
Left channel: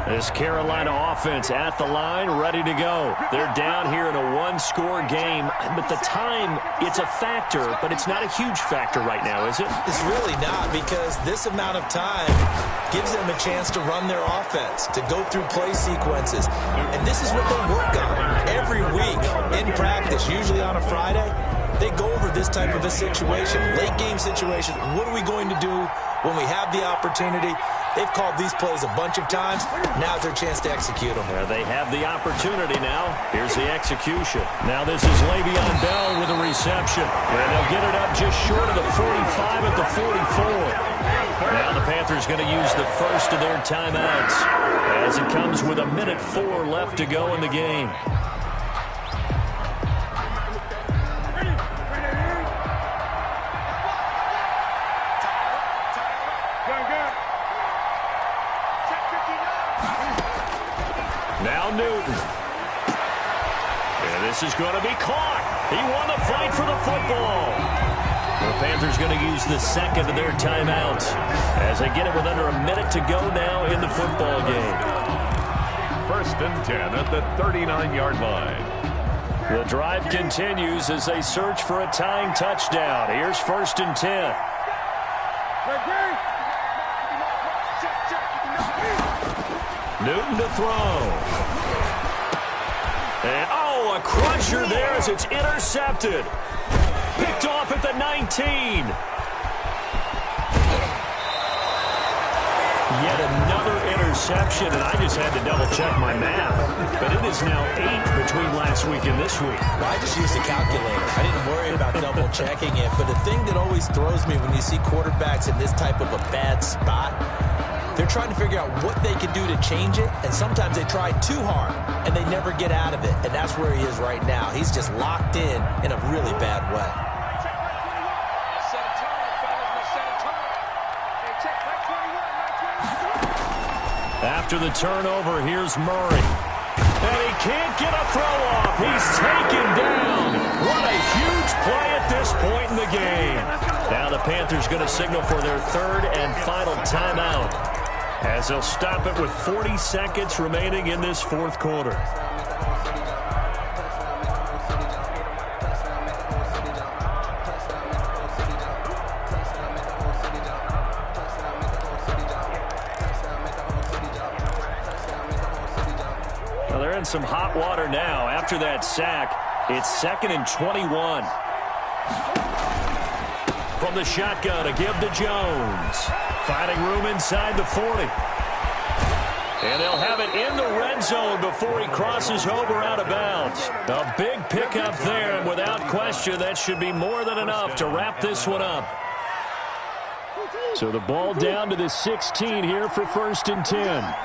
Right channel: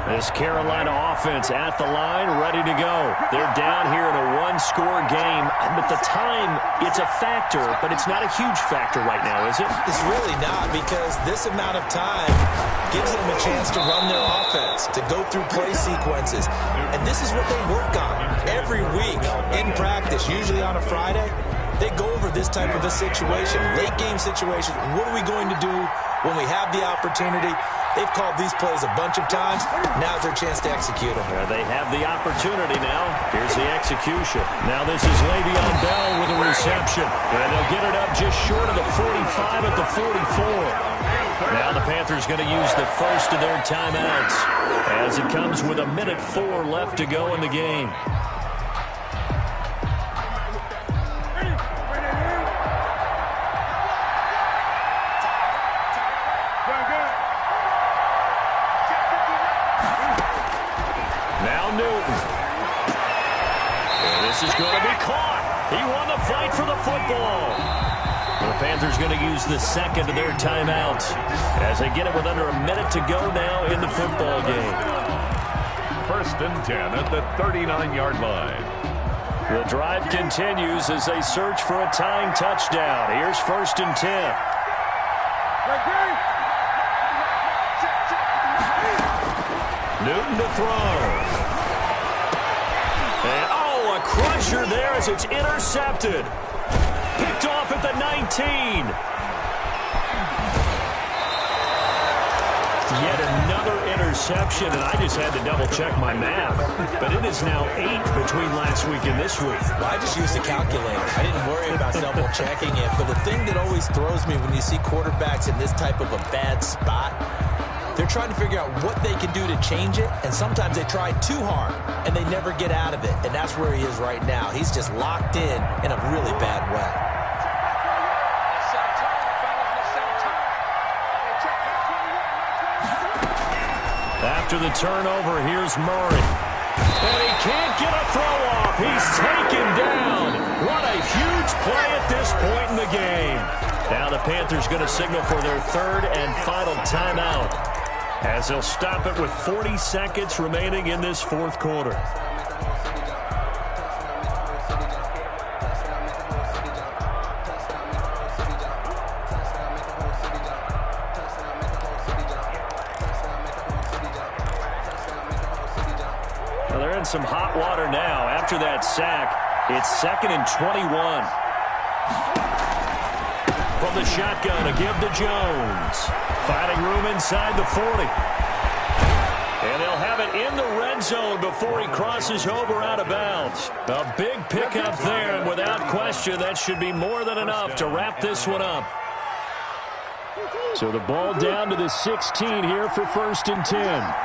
This Carolina offense at the line, ready to go. They're down here in a one-score game, but the time, it's a factor, but it's not a huge factor right now, is it? It's really not, because this amount of time gives them a chance to run their offense, to go through play sequences. And this is what they work on every week in practice, usually on a Friday. They go over this type of a situation, late game situation. What are we going to do when we have the opportunity? They've called these plays a bunch of times. Now's their chance to execute them. Yeah, they have the opportunity now. Here's the execution. Now this is Le'Veon Bell with a reception. And they'll get it up just short of the 45 at the 44. Now the Panthers going to use the first of their timeouts as it comes with 1:04 left to go in the game. Now Newton. And this is going to be caught. He won the fight for the football. The Panthers going to use the second of their timeouts as they get it with under a minute to go now in the football game. 1st and 10 at the 39-yard line. The drive continues as they search for a tying touchdown. Here's 1st and 10. Newton to throw. And, oh, a crusher there as it's intercepted. Picked off at the 19. Yet another interception, and I just had to double-check my math. But it is now 8 between last week and this week. Well, I just used a calculator. I didn't worry about double-checking it. But the thing that always throws me when you see quarterbacks in this type of a bad spot, they're trying to figure out what they can do to change it, and sometimes they try too hard, and they never get out of it. And that's where he is right now. He's just locked in a really bad way. After the turnover, here's Murray. And he can't get a throw off. He's taken down. What a huge play at this point in the game. Now the Panthers going to signal for their third and final timeout, as they'll stop it with 40 seconds remaining in this fourth quarter. Now they're in some hot water now. After that sack, it's 2nd and 21. From the shotgun, a give to Jones. Finding room inside the 40. And they'll have it in the red zone before he crosses over out of bounds. A big pickup there, and without question, that should be more than enough to wrap this one up. So the ball down to the 16 here for 1st and 10.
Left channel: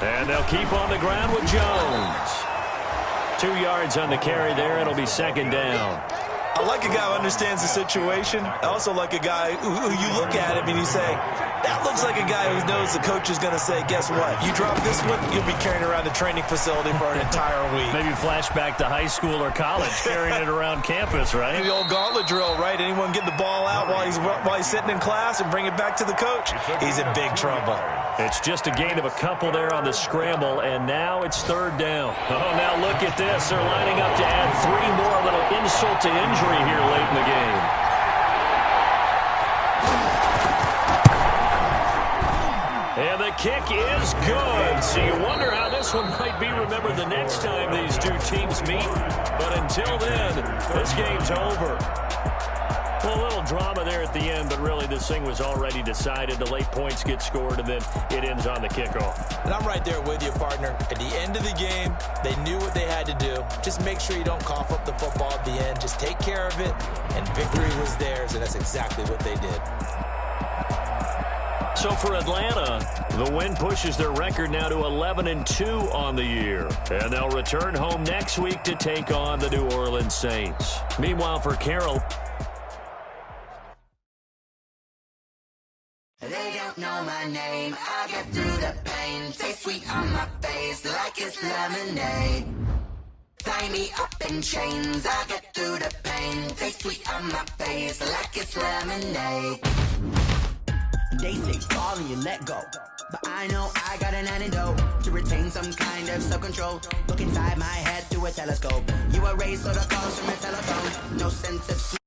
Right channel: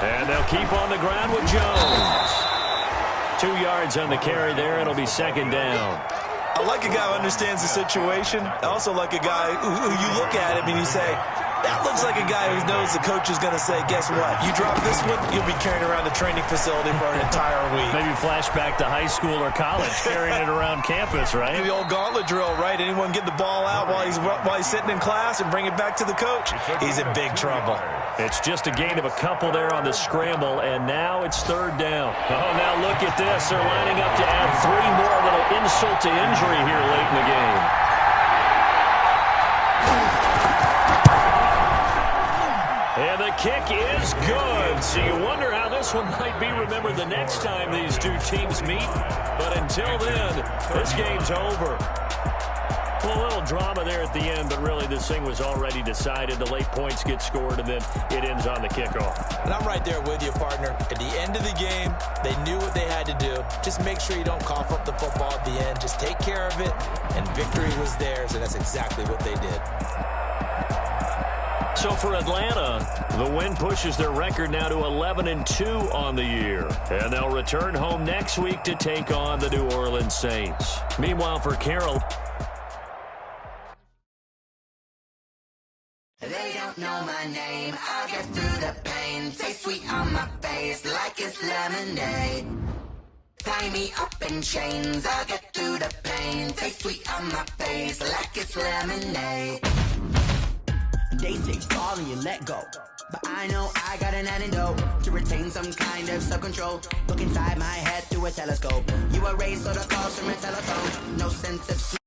And they'll keep on the ground with Jones. 2 yards on the carry there. It'll be 2nd down. I like a guy who understands the situation. I also like a guy who you look at him and you say, that looks like a guy who knows the coach is going to say, guess what? You drop this one, you'll be carrying around the training facility for an entire week. Maybe flashback to high school or college, carrying it around campus, right? The old gauntlet drill, right? Anyone get the ball out while he's sitting in class and bring it back to the coach? He's in big trouble. It's just a gain of a couple there on the scramble, and now it's 3rd down. Oh, now look at this. They're lining up to add 3 more, a little insult to injury here late in the game. And the kick is good. So you wonder how this one might be remembered the next time these two teams meet. But until then, this game's over. Well, a little drama there at the end, but really this thing was already decided. The late points get scored, and then it ends on the kickoff. And I'm right there with you, partner. At the end of the game, they knew what they had to do. Just make sure you don't cough up the football at the end. Just take care of it, and victory was theirs, and that's exactly what they did. So for Atlanta, the win pushes their record now to 11-2 on the year. And they'll return home next week to take on the New Orleans Saints. Meanwhile, for Carroll, they don't know my name. I'll get through the pain. Taste sweet on my face like it's lemonade. Tie me up in chains. I'll get through the pain. Taste sweet on my face like it's lemonade. They say fall and you let go, but I know I got an antidote to retain some kind of self-control. Look inside my head through a telescope. You erase all the calls from a telephone. No sense of sleep.